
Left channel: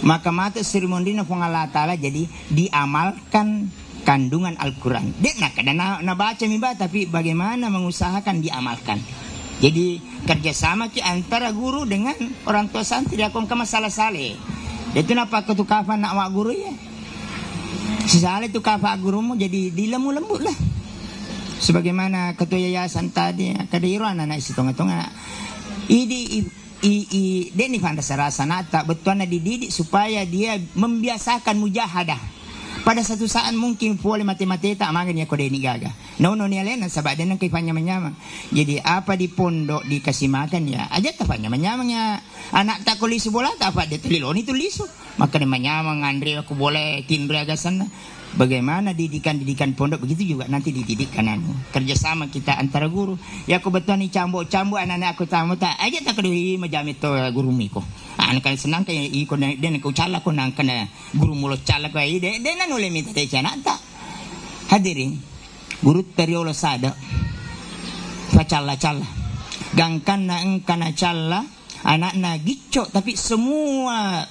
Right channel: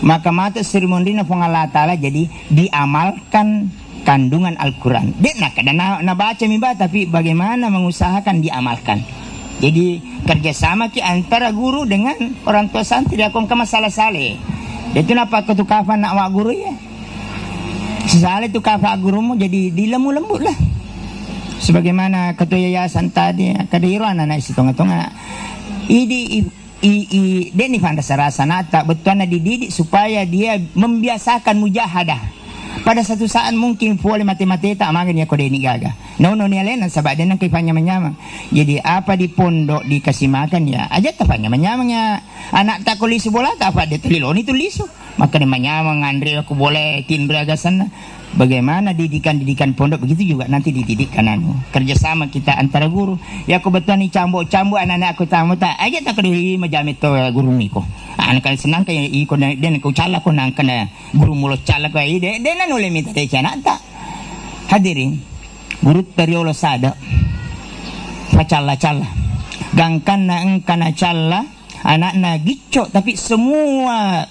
Maka mata seremoni pong Allah Ta'ala jadi diamalkan kandungan Al-Quran. Dia nak baca miba, tapi bagaimana mengusahakan diamalkan. Jadi kerjasama antara guru dengan orang tua santri akan ke masalah saleh. Itu napa ketukafan nak wak guru ya. Si saleh tu kafa gurumu jadi dilemu-lembut lah. Sebagaimana ketua yayasan tadi kadiran anak situng-tungan. Dia ni fanda sarasa nata betul na dididik supaya dia membiasakan mujahadah. Pada satu saat mungkin boleh mati-mati tak makan ya kode ini gaga. No ni alena sebab dia nak kipanya menyamang. Jadi apa di pondok dikasih makan ya aja tapanya menyamangnya. Anak tak kulisu bola tak apa dia tuliloni tulisu. Maka dia menyamang Andre aku boleh kin beragasan. Bagaimana didikan pondok begitu juga nanti dididik kananmu. Kerjasama kita antara guru. Ya aku betul ni cambuk anak-anak aku tamu tak aja tak kedi majamit to guru niko. Anak senang kaya iko den ko cala ko nang kana guru mulo cala ko ide den nule minta de cana tak. Hadirin guru teriolo sada. Pacala gangkan na engkana cala anak na gicco tapi semua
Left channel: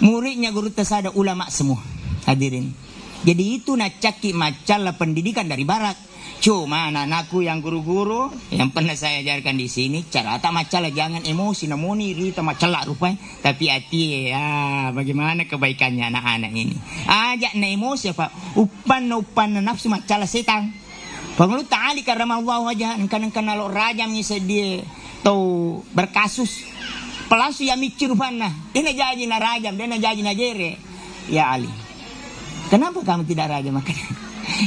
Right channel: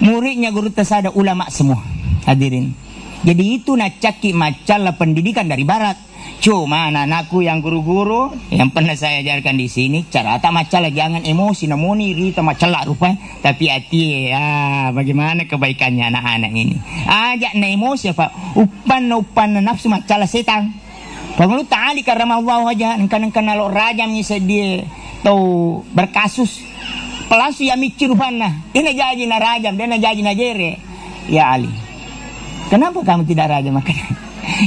muridnya guru tasada ulama semua. Hadirin. Jadi itu nak caki macalah pendidikan dari barat. Cuma anak-anakku yang guru-guru yang pernah saya ajarkan di sini cara tak macalah jangan emosi namuni rita macalah rupanya tapi hati ya bagaimana kebaikannya anak-anak ini. Ajak na emosi apa upan nafsu macalah setan. Pengelut ta'ali karena Allah wajah engkan lo rajam ni sedih tau berkasus. Pelasu ya mikir rupanya. Dia jadi na rajam, dia jadi na jere. Ya Ali. Kenapa kamu tidak raja makan?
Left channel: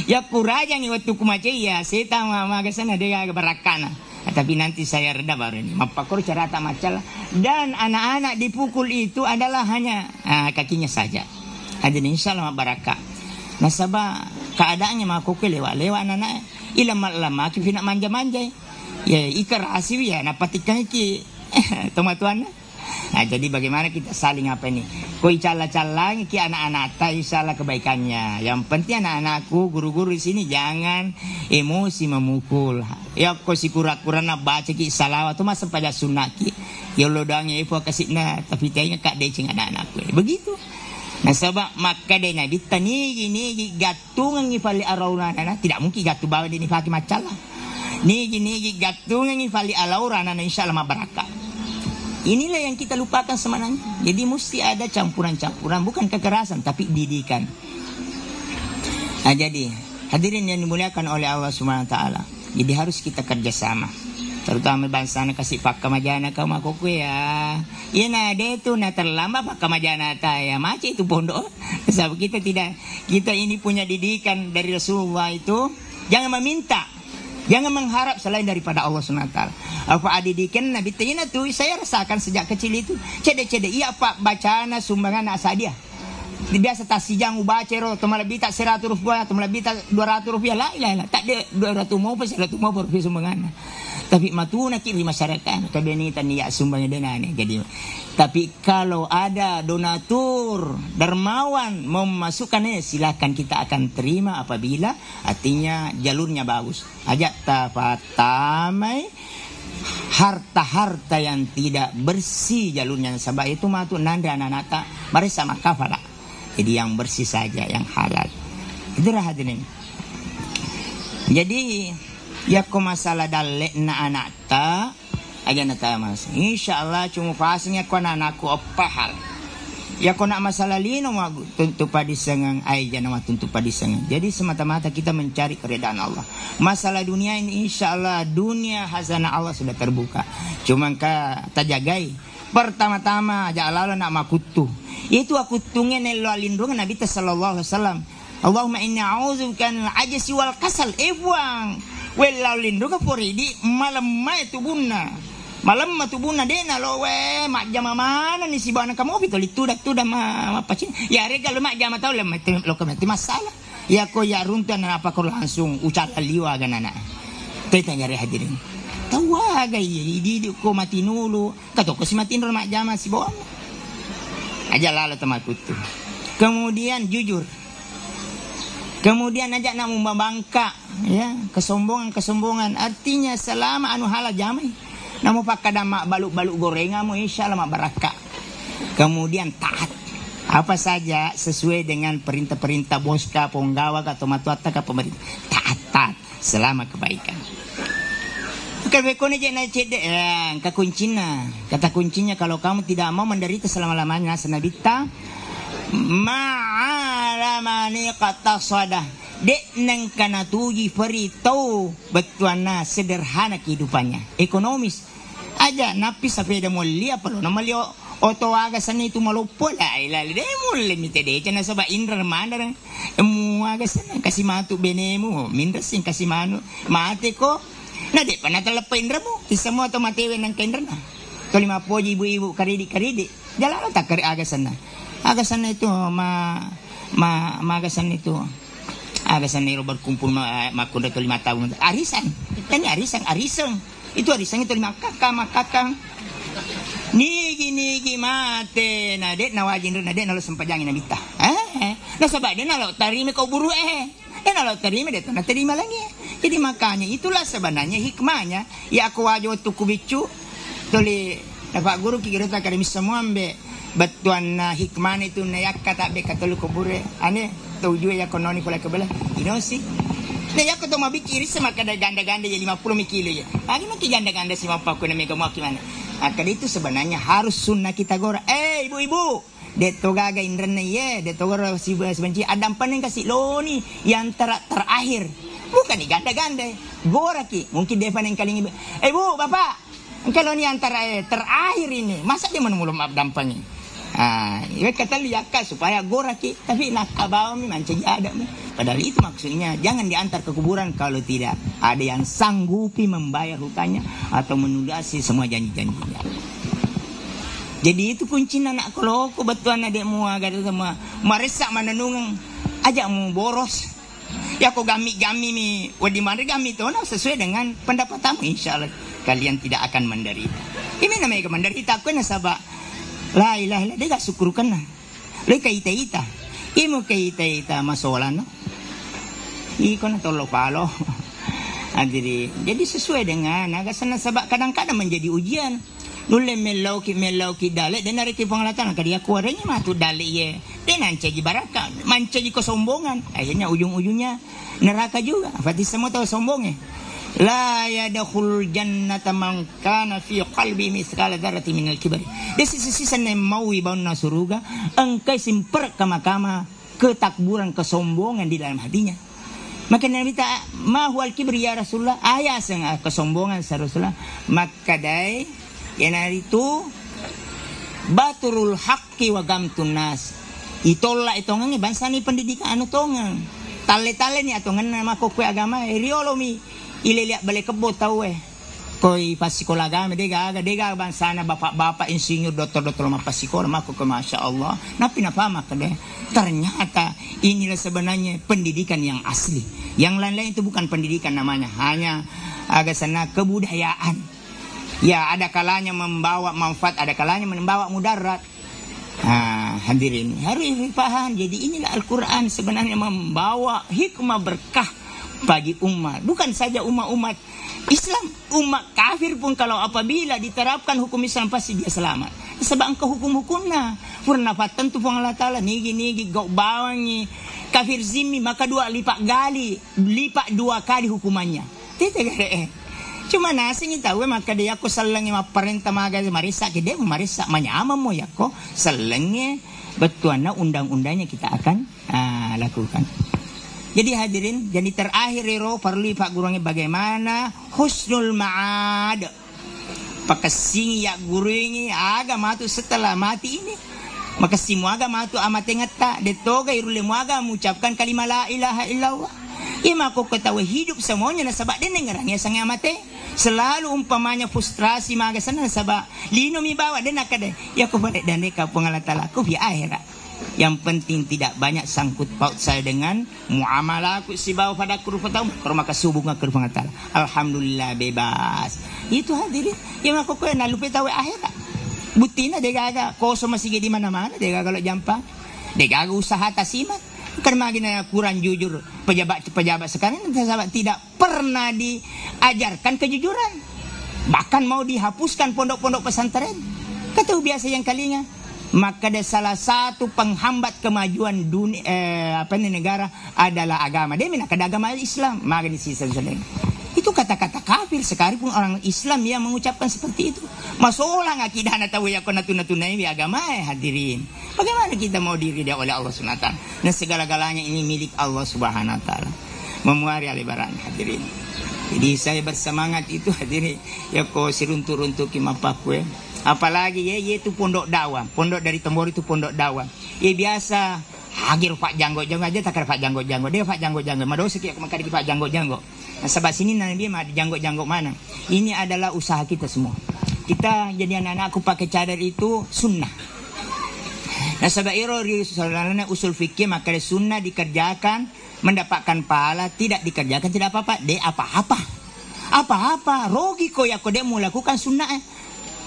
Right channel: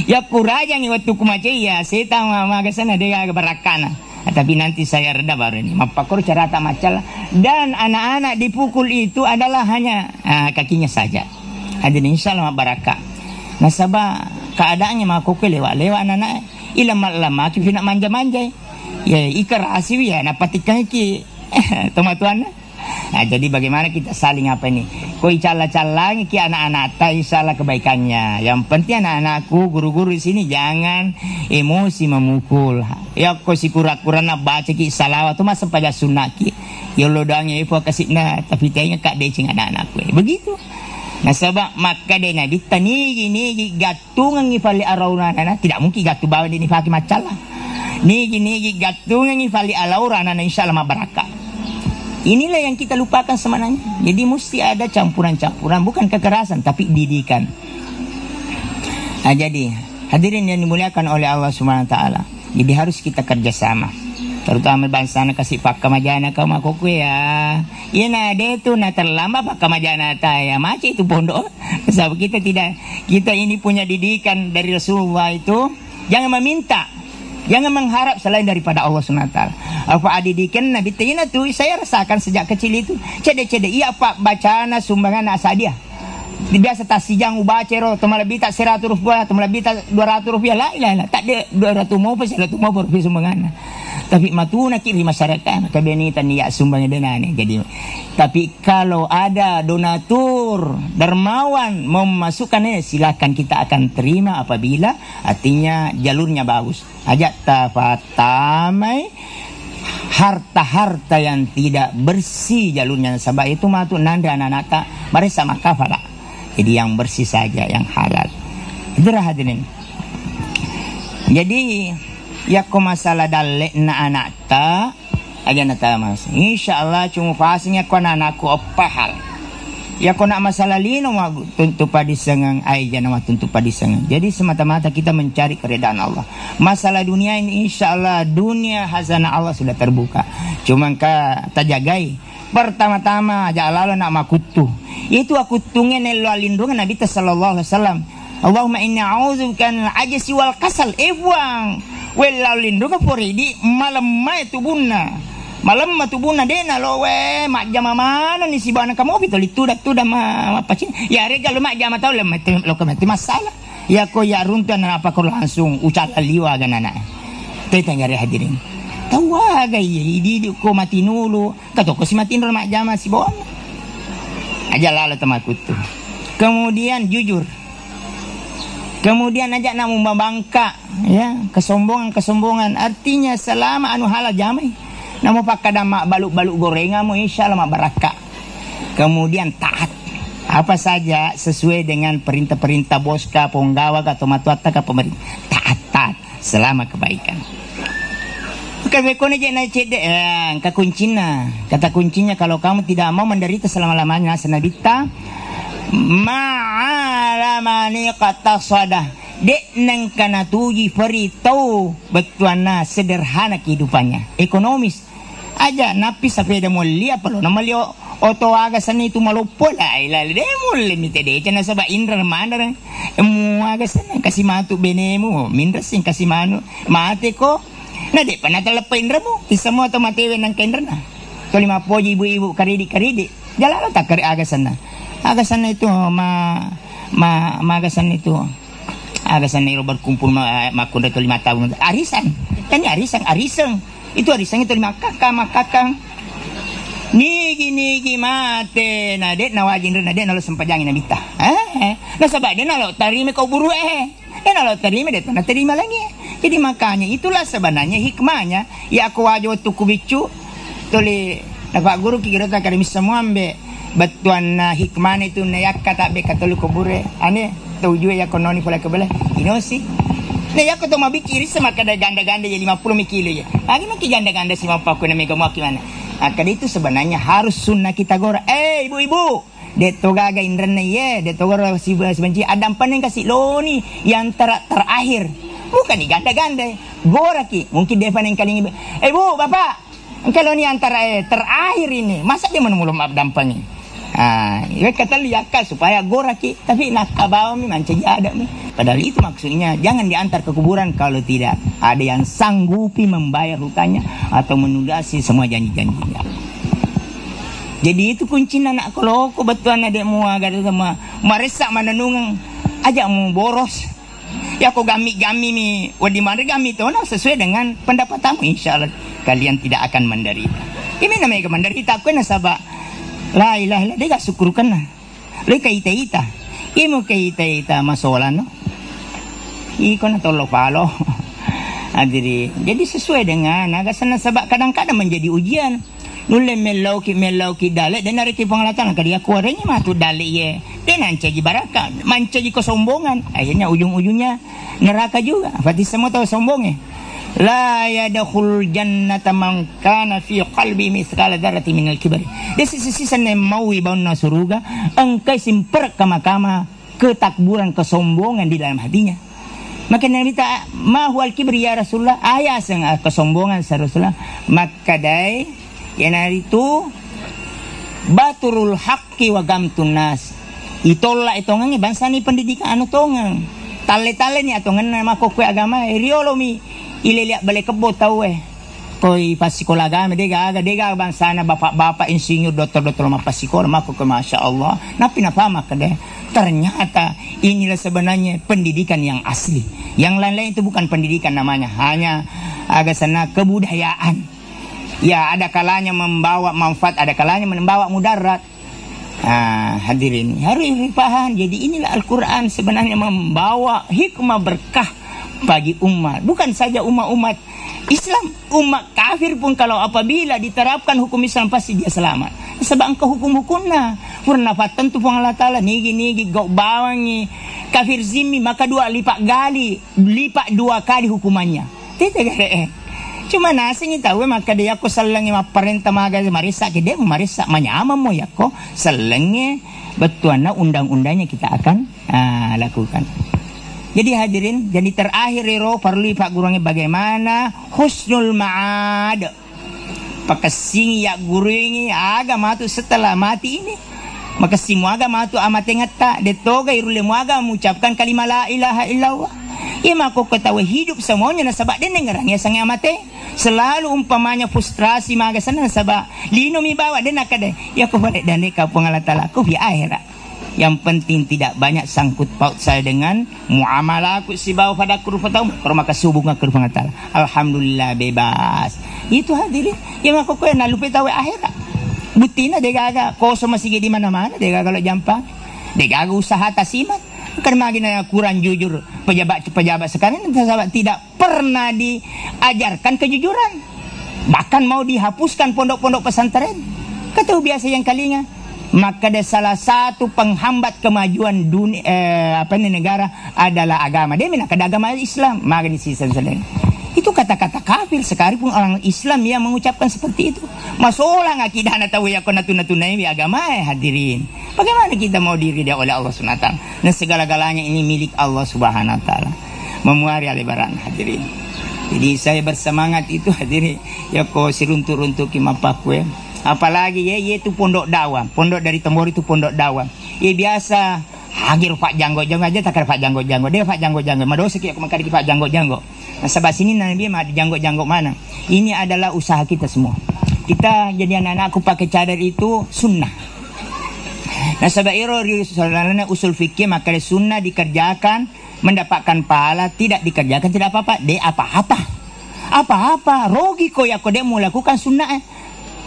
Ya ku raja ni waktu ku macam ya setan maga sana dia agak berakana. Tapi nanti saya reda baru ini. Mapakur cara tak macam dan anak-anak dipukul itu adalah hanya kakinya saja. Jadi insyaallah barakah. Nasabah keadaannya makuku lewat anak-anak ilama ki nak manja-manja. Ya ikar asiwi ya napatikan ki teman-teman. Nah, jadi bagaimana kita saling apa ini? Koi cala-calang ki anak-anak tai salah kebaikannya. Yang penting anak-anakku guru-guru di sini jangan emosi memukul. Ya kau si kura-kura nak baca ki salawat tu masa pada sunnah ki. Ya lo doangnya ibu kasih na tapi tanya kak decing anak-anakku. Begitu. Nah sebab maka dia nabi tani gini gatungan ngifali arauna tidak mungkin gatu bawa ini pakai macalah. Ni gatungan ngifali arauna insyaallah barakah. Inilah yang kita lupakan sebenarnya. Jadi mesti ada campuran-campuran, bukan kekerasan tapi didikan. Nah, jadi hadirin yang dimuliakan oleh Allah Subhanahu Wa Taala. Jadi harus kita kerjasama. Terutama bangsa na kasih pak kamajana kau makuku ya. Iya na ada itu na terlambat pak kamajana ta ya macam itu pondok. Sebab kita ini punya didikan dari Rasulullah itu jangan meminta. Jangan mengharap selain daripada Allah SWT. Apa adidikan Nabi Tina tu saya rasakan sejak kecil itu. Cede-cede iya pak bacana sumbangan asa dia. Biasa tak sijang ubacero atau malah bita 100 rupiah atau malah bita 200 rupiah lah. Tak ada 200 mau pas 100 mau rupiah sumbangan. Tapi matuna kiri masyarakat kabenitan niya sumbangnya denane. Jadi tapi kalau ada donatur dermawan mau memasukkannya silakan kita akan terima apabila artinya jalurnya bagus. Ajak tafatamai harta-harta yang tidak bersih jalurnya sebab itu matu nanda anak-anak tak mari sama kafala. Jadi yang bersih saja yang halal. Itulah hadirin. Jadi ya ko masalah dalek na anak ta aja na ta mas. Insyaallah cuma fasenya ko anakku opahal. Ya ko nak masalah lino ma tentu padisangan ai jana ma tentu padisangan. Jadi semata-mata kita mencari keridaan Allah. Masalah dunia ini insyaallah dunia hazana Allah sudah terbuka. Cuma ka tajagai. Pertama-tama aja Allah nak makutu. Itu aku tungen elo lindungan Nabi sallallahu alaihi wasallam. Allahumma inni a'udzubika minal ajzi wal kasal. Buang. Well lindungan poridi malam mai tubunna. Malam matubuna dena lo we mak jama mana ni si bana kamu betul itu dah apa cin ya regal mak jama tahu lo kemati masalah ya ko ya runtuan apa ko langsung ucal liwa ganana teta nyari hadirin tahu aga di ko mati nulu kato ko si mati nulu mak jama si bon aja lalu temakut tu kemudian jujur kemudian ajak nak membangka ya kesombongan artinya selama anu halal jamai namo pakada mak baluk-baluk gorengamu insyaallah mak barakah. Kemudian taat. Apa saja sesuai dengan perintah-perintah boska, penggawa, atau matuata ke pemerintah. Taat selama kebaikan. Kata kuncinya kalau kamu tidak mau menderita selama-lamanya senabita ma'alamani kata sadah dek nang kana tuji perito betuana sederhana kehidupannya ekonomis aja napi sapeda mulia palo na malio oto aga sana itu malupo la ilal de mulle mitede cana saba indra mandara mu aga sana kasih matu benemu mindra sing kasih manu mate ko na de panatala indra mo isamo to matewe nang kendra na to lima poji ibu-ibu karidi jalan tak kari aga sana itu magasan itu agasan itu berkumpul makunda itu 5 tahun arisan kan arisan itu 5 kakang nigi mate nade nawajin nade nalo sempajangin nabita na sabay din nalo tarime kau buru nalo tarime dito na terima lagi jadi makanya itulah sebenarnya hikmahnya ya aku wajo tukubicu tuli napa guru kira kami semua ambe batuan hikmah itu nayak kata be katolu kubure ane tujuh ya kononi pula kebelah inosi nayak to mabikiri sama kada ganda-ganda ya 50 kilo ya lagi nak ganda-ganda si mapaku na mega mau gimana akad itu sebenarnya harus sunnah kita gora ibu-ibu deto gaga indrena ye deto gora si benci adam panen kasih loni yang terakhir bukan di ganda-ganda gora ki mungkin depan yang kali ini bu bapak kalau ini antara terakhir ini masa dia menunggu maaf dampaknya kata liaka supaya goraki tapi nak kabawa mi mancing ada mi padahal itu maksudnya jangan diantar ke kuburan kalau tidak ada yang sanggupi membayar hutangnya atau menundasi semua janji-janjinya. Jadi itu kuncinya nak kalau aku betulan ada mua gada sama maresak mananungang aja mau boros ya aku gami mi wadi mari gami tu nah sesuai dengan pendapatmu insyaallah kalian tidak akan menderita. Ini namanya menderita aku nasaba la ilaha illallah dia syukurkan nah. Le kaita-ita. Imo kaita-ita masolan no. Iko na tolo palo. Jadi sesuai dengan agak sana sabak kadang-kadang menjadi ujian. Nulle melauki dale dan nariki penglatan kadia kuarenya matu dale ye. Dan ancaji baraka, mancaji kesombongan. Akhirnya ujung-ujungnya neraka juga. Berarti semua tahu sombongnya. La yadkhul jannata man kana fi qalbi mithqala dzarratin minal kibri. Sisi mau ibauna surga engkai simper kama ketakburan kesombongan di dalam hatinya. Maka Nabi ta ma huwal kibri ya Rasulullah ayasang kesombongan sa Rasulullah maka dai yan itu baturul haqqi wa gamtun nas. Itola itongan bangsa ni pendidikan anu tongan. Tale-tale ni atongan nama kokwe agama riolomi ililiak balik kebo tahu koi pasikola agama dega bangsa na bapak insinyur doktor pasikola mako ke masya Allah napi napama kade ternyata inilah sebenarnya pendidikan yang asli yang lain-lain itu bukan pendidikan namanya hanya agak sana kebudayaan ya ada kalanya membawa manfaat ada kalanya membawa mudarat. Hadirin harus dipaham jadi inilah Al-Quran sebenarnya membawa hikmah berkah bagi umat bukan saja umat Islam umat kafir pun kalau apabila diterapkan hukum Islam pasti dia selamat sebab engkau hukum-hukumna purna fatan tu Allah Ta'ala nigi gau bawangi kafir zimmi maka 2 kali hukumannya cuma nasinya tahu maka dia aku selengi perintah maga marisak dia marisak manyama mo yako selengi betuana undang-undangnya kita akan lakukan. Jadi hadirin, jadi terakhir ro perlu pak gurangnya bagaimana husnul ma'ad. Pakasing ya guru ini agama tu setelah mati ini. Maka semua agama tu amat ngata detoga irule muaga mengucapkan kalimat la ilaha illallah. Ima ko ketahui hidup semuanya nasabak den ngarangnya sang amate selalu umpamanya frustrasi maga sana nasabak lino mi bawa den akade ya ko balik dan ka pengalatala ko bi akhirat yang penting tidak banyak sangkut paut saya dengan muamalah aku si bawa pada kurfatau maka subunga ke pengalatala alhamdulillah bebas itu hadirin yang aku ko na lupa tahu akhirat butina degaga ko masih di mana-mana degaga kalau jampa degaga usaha tasimat karena magina kurang jujur pejabat sekarang tidak pernah diajarkan kejujuran bahkan mau dihapuskan pondok-pondok pesantren kata biasa yang kalinya maka ada salah satu penghambat kemajuan dunia, negara adalah agama. Dia minakada agama Islam. Maka di sisi itu kata-kata kafir. Sekalipun orang Islam yang mengucapkan seperti itu. Masalah akidah na tahu ya ko natuna-tunai agama hadirin. Bagaimana kita mau diridai oleh Allah Subhanahu wa taala? Dan segala-galanya ini milik Allah Subhanahu wa taala. Memuari lebaran hadirin. Jadi saya bersemangat itu hadirin. Ya ko siruntu-runtu kimapakwe. Apalagi ya itu pondok dakwah. Pondok dari Tembor itu pondok dakwah. Ya biasa hagir Pak Janggo-janggo aja takar Pak Janggo-janggo. Dia Pak Janggo-janggo. Madosa kiyak makari Pak Janggo-janggo. Nah sebab sini nabi mah janggo-janggo mana. Ini adalah usaha kita semua. Kita jadi anak-anakku pakai cadar itu sunnah. Nah sebab usul fikih maka sunnah dikerjakan mendapatkan pahala, tidak dikerjakan tidak apa-apa. Dia apa-apa. Rogi kok ya kok dia mau lakukan sunnah.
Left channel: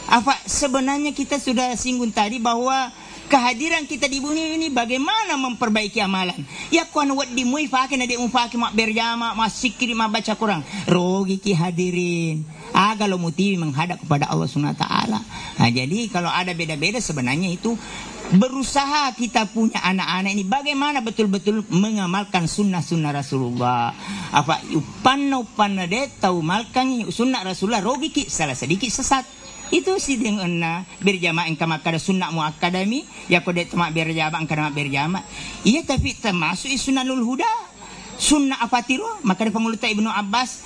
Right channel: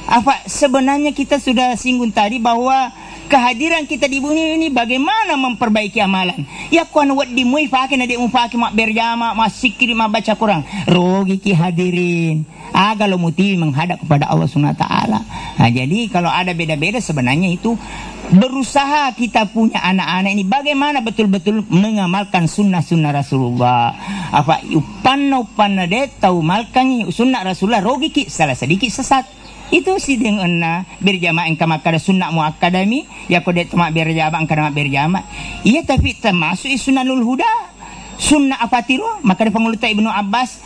Apa sebenarnya kita sudah singgung tadi bahwa kehadiran kita di bumi ini bagaimana memperbaiki amalan. Ya kuan wat di mui pakai na di pakai mak berjama, mak sikir, mak baca Quran. Rogi ki hadirin. Kalau muti menghadap kepada Allah Subhanahu wa taala. Nah, jadi kalau ada beda-beda sebenarnya itu berusaha kita punya anak-anak ini bagaimana betul-betul mengamalkan sunnah-sunnah Rasulullah. Apa upanna de tahu malkan sunnah Rasulullah rogi ki salah sedikit sesat. Itu sih dengan berjamaah engkau makada sunnah muakkadami ya kode temak berjamaah engkau mak berjamaah. Iya tapi termasuk sunnahul huda. Sunnah apa tiru? Maka pengulutan Ibnu Abbas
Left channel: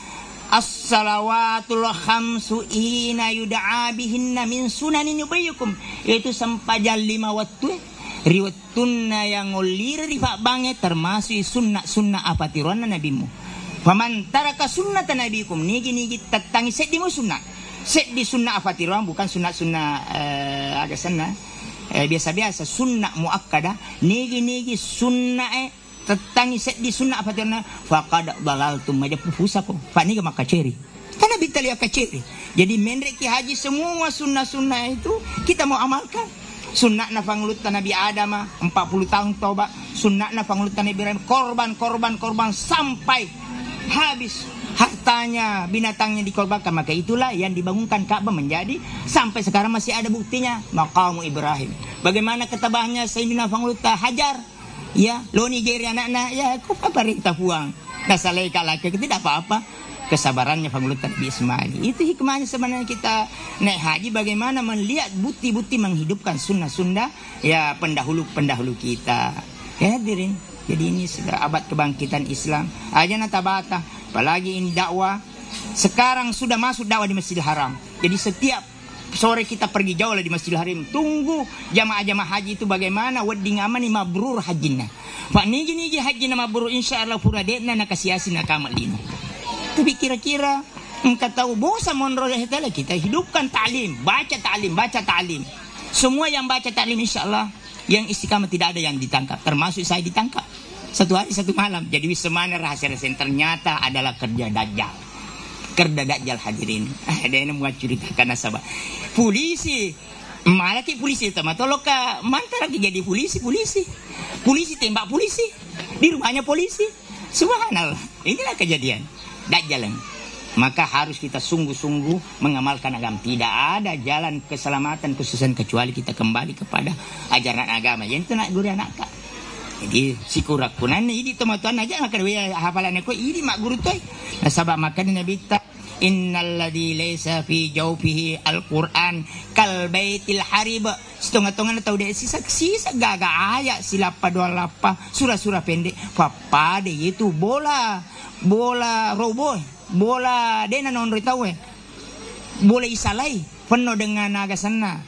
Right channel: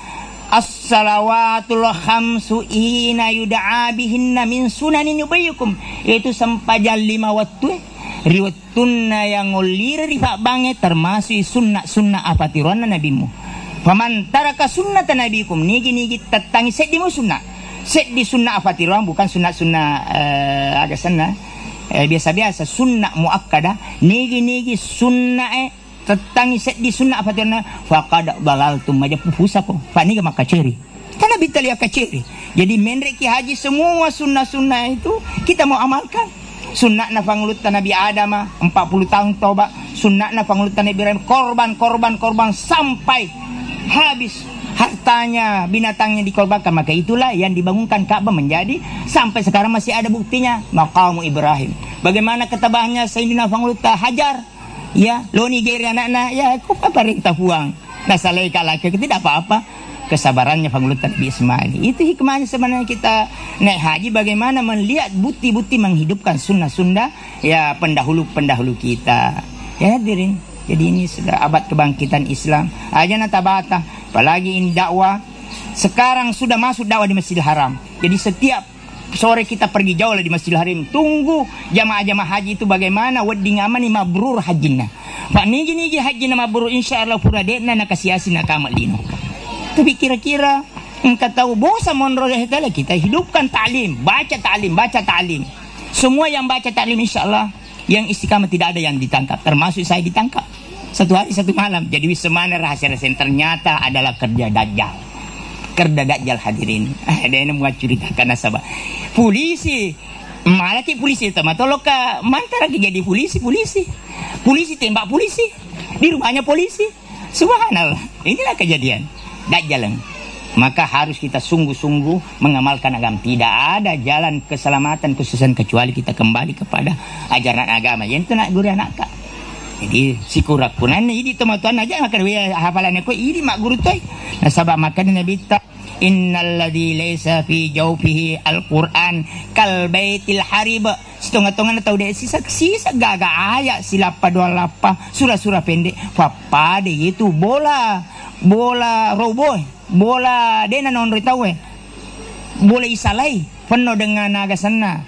as-salawatul khamsu ina yud'a bihinna min sunanin yubayyukum. Yaitu sempajal 5 waktu. Riwayatuna yang ulir rifa banget termasuk sunnah apa tiruan nabimu. Faman taraka sunnata nabikum nigi tetangi sedimu sunnah. Set di sunnah apa tiruan bukan sunnah agak sana biasa-biasa sunnah muakkada nigi sunnah tetangi set di sunnah apa tiruan faqad dalaltum maja pupusaku fa niga makaceri karena bitali akaceri. Jadi menreki haji semua sunnah itu kita mau amalkan. Sunnah na pangulutan Nabi Adam 40 tahun toba, sunnah na pangulutan Nabi Ibrahim korban sampai habis hartanya, binatangnya dikorbankan. Maka itulah yang dibangunkan Ka'bah menjadi sampai sekarang masih ada buktinya maqam Ibrahim. Bagaimana ketabahannya Sayyidina Fanguluta Hajar ya, lo Nigeria anak-anak ya apa perintah puang. Nah salai kalake tidak apa-apa. Kesabarannya Fanguluta Nabi Ismail. Itu hikmahnya sebenarnya kita naik haji bagaimana melihat bukti-bukti menghidupkan sunnah-sunnah ya pendahulu kita. Ya hadirin. Jadi ini sudah abad kebangkitan Islam. Aja tabata. Apalagi ini dakwah. Sekarang sudah masuk dakwah di Masjidil Haram. Jadi setiap sore kita pergi jauh lah di Masjidil Haram. Tunggu jamaah-jamaah haji itu bagaimana. Wadding amani mabrur hajinna. Pak nigi hajinna mabrur insya Allah pura dekna nakasiasi nakamal lino. Tapi kira-kira engkau tahu bosa monroleh tala kita hidupkan ta'lim. Baca ta'lim. Semua yang baca ta'lim insya Allah. Yang istiqamah tidak ada yang ditangkap. Termasuk saya ditangkap. 1 hari 1 malam. Jadi semana rahasia-rahasia ternyata adalah kerja Dajjal. Hadirin. Ada yang mau ceritakan nasabah. Polisi. Malah ki polisi. Tamatolok ka. Mantara ki jadi polisi. Polisi tembak polisi. Di rumahnya polisi. Subhanallah. Inilah kejadian. Dajjal. Maka harus kita sungguh-sungguh mengamalkan agama. Tidak ada jalan keselamatan kesusahan kecuali kita kembali kepada ajaran agama. Yang itu nak guru anak kak. Jadi si kurakunan ini teman-teman aja nak kerja hafalannya ko ini mak guru toy. Nah sabab makan Nabi ta innalladzi laisa fi jawfihi alquran kal baitil harib. Setengah-tengah tahu dia sisa gaga ayat silapa dua lapa surah-surah pendek. Papa de itu bola roboh. Bola dena non ritawe bola isalai penuh dengan naga sana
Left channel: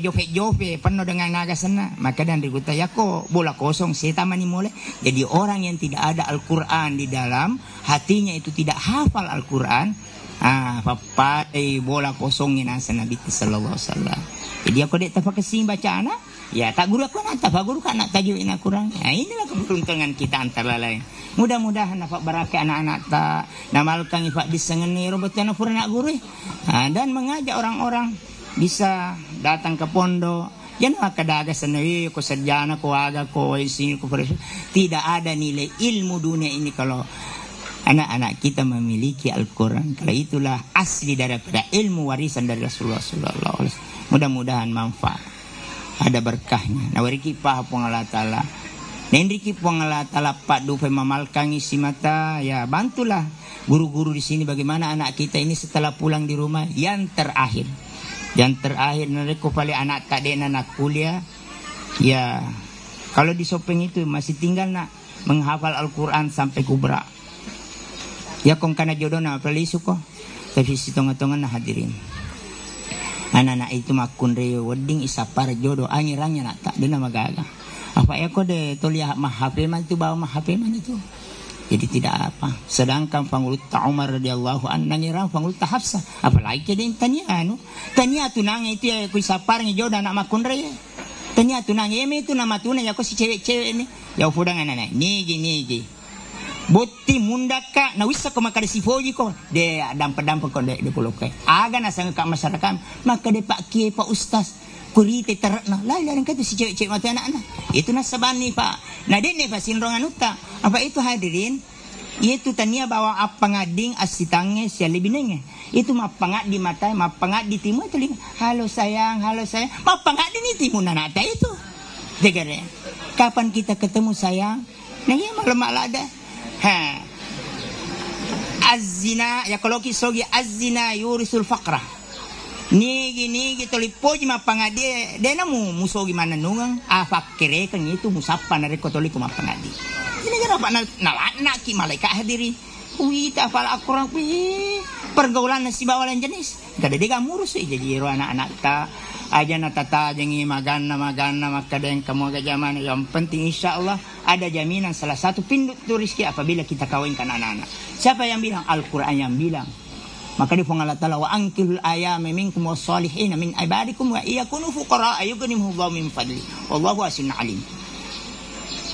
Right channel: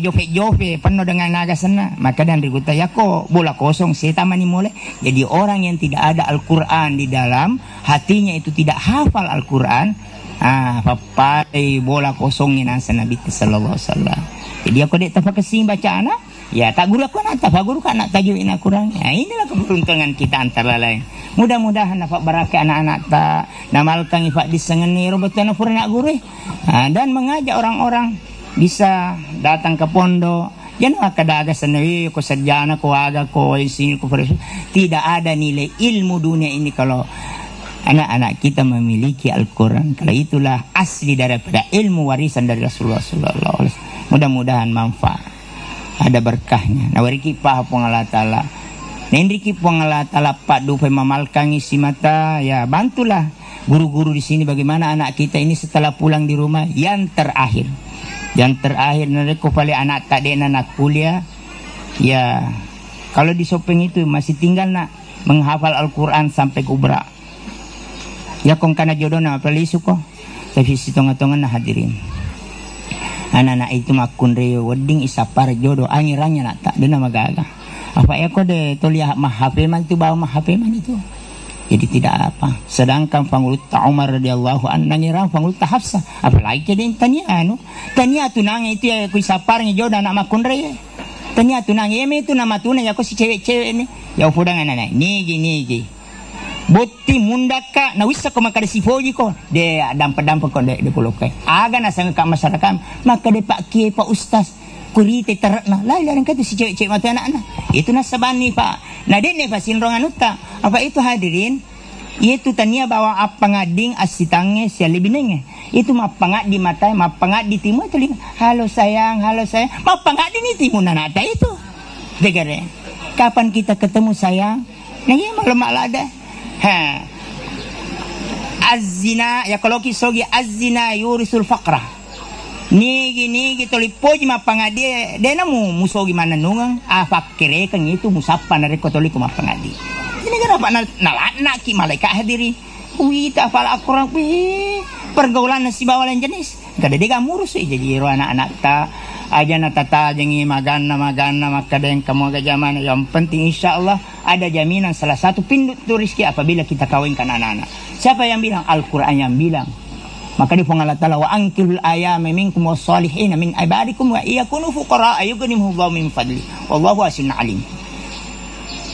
jofe penuh dengan naga sana. Maka dan riguta yako bola kosong setamani mole. Jadi orang yang tidak ada Al-Quran di dalam hatinya itu tidak hafal Al-Quran papai bola kosongin asa Nabi sallallahu alaihi wasallam. Jadi aku dek tapak kesim baca anak ya tak guru aku nak tak guru kan nak tajuin Al-Quran. Inilah keberuntungan kita antara lain. Mudah-mudahan dapat berakai anak-anak tak namalkan ifak disengeni robotan pura nak gurih dan mengajak orang-orang bisa datang ke pondok. Jangan kadaga sendiri ko sarjana ko aga ko sini ko tidak ada nilai ilmu dunia ini kalau anak-anak kita memiliki Al-Quran. Kalau itulah asli daripada ilmu warisan dari Rasulullah sallallahu alaihi wasallam. Mudah-mudahan manfaat. ada berkahnya. Nah wariki pa po Allah Ta'ala. Nendriki po Allah Ta'ala Pak Dupai mamalkangi si mata. Ya bantulah guru-guru di sini bagaimana anak kita ini setelah pulang di rumah yang terakhir. Yang terakhir nanti paling anak tak ada anak kuliah. Ya kalau di Sopeng itu masih tinggal nak menghafal Al-Quran sampai kubra. Ya kong kana jodoh na palisu ko. Tapi si tonga-tonga na hadirin. Anak-anak itu makun reo wedding isapar jodoh angiranya nak tak dena magaga. Apa ya ko de tolia mah HP man tu bawa mah HP man itu. Jadi tidak apa. Sedangkan Pangulut Umar radhiyallahu anhu nangirang Pangulut Hafsah. Apalagi kedin tania anu. Tania tunang itu ya ku isapar jodoh anak makun reo. Tania tunang eme itu nama tunang ya ko si cewek-cewek ini. Ya udang anak-anak. Nigi. Boti mundaka na wisa ko makade sifoji ko de dampa-dampa ko de pulukai aga na sang ka masyarakat maka de pak kiai pak ustaz kurite terna lain kata si cewek-cewek mata anak-anak itu na sabani pak na de ne fasinrongan uta apa itu hadirin itu tania bawa apa ngading asitange sia libinenge itu mapangat di mata mapangat di timu telinga halo sayang mapangat di timu nanata itu degare kapan kita ketemu sayang nagi malam ada Az-zina ya kalau kisogi az-zina yurisul faqra. Nigi tolipoji mapangadi dena musogi mana nungang fakire kan itu musapa na rekotoli ko mapangadi. Ini gara apa nalana ki malaikat hadiri. Kita hafal Al-Qur'an pergaulan si bawalan jenis. Kada dega murus jadi ro anak-anak ta aja na tata jengi magana maka yang kamu agak zaman yang penting insyaallah ada jaminan salah satu pintu rizki apabila kita kawinkan anak-anak. Siapa yang bilang? Al-Quran yang bilang. Maka di Allah Ta'ala wa ankilul ayama minkum wassalihin min ibadikum wa iyakunu fuqara ayughnihumullahu min fadli wallahu wasi'un alim.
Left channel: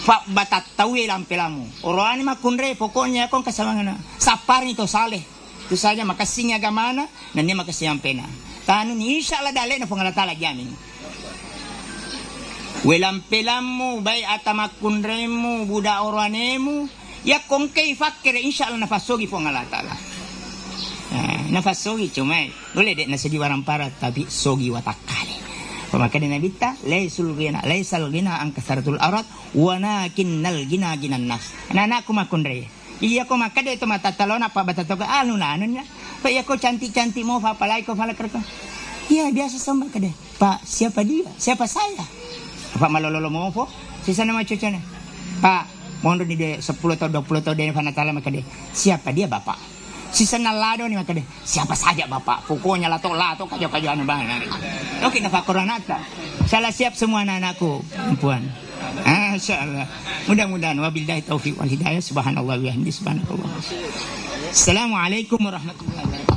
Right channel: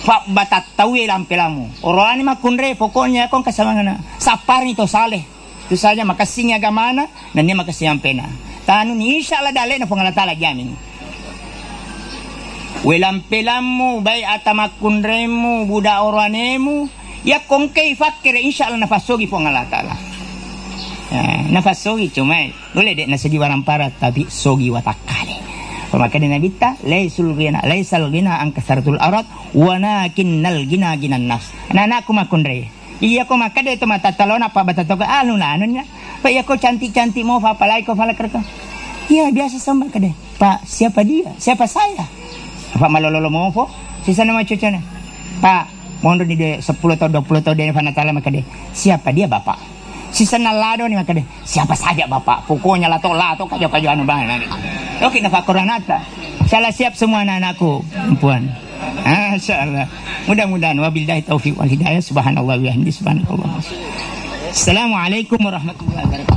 Fa batat tawi lampelamu. Orani makunre pokoknya kon kasamana. Sapar itu saleh. Itu saja makasihnya agamana dan dia makasih yang pena. Tanun insyaallah dale na Allah Ta'ala jamin. Welampelamu bay atamakunremu buda oranemu ya kongkei fakir insyaallah nafasogi Allah Ta'ala. Nafasogi cuma boleh dek nasagi warang parat tapi sogi watakane. Maka dina kita laisal gina an kasaratul arat walakinnal gina ginan nas. Anakku makunre. Iya ko makade itu mata talon apa batato ka anu nya. Pak iya ko cantik-cantik mau apalai ko falakar ko. Iya biasa sama kade. Pak siapa dia? Siapa saya? Pak malololo mau po. Sisa nama cucunya. Pak mohon di 10 atau 20 tahun dia fanatala makade. Siapa dia Bapak? Sisa nalado ni makade. Siapa saja Bapak? Pokoknya lato kajo anu bahan. Oke na fakoranata. Salah siap semua anak-anakku perempuan. Insyaallah. Mudah-mudahan wabillahi taufiq wal hidayah subhanallah wa bihamdihi subhanallah. Assalamualaikum warahmatullahi wabarakatuh.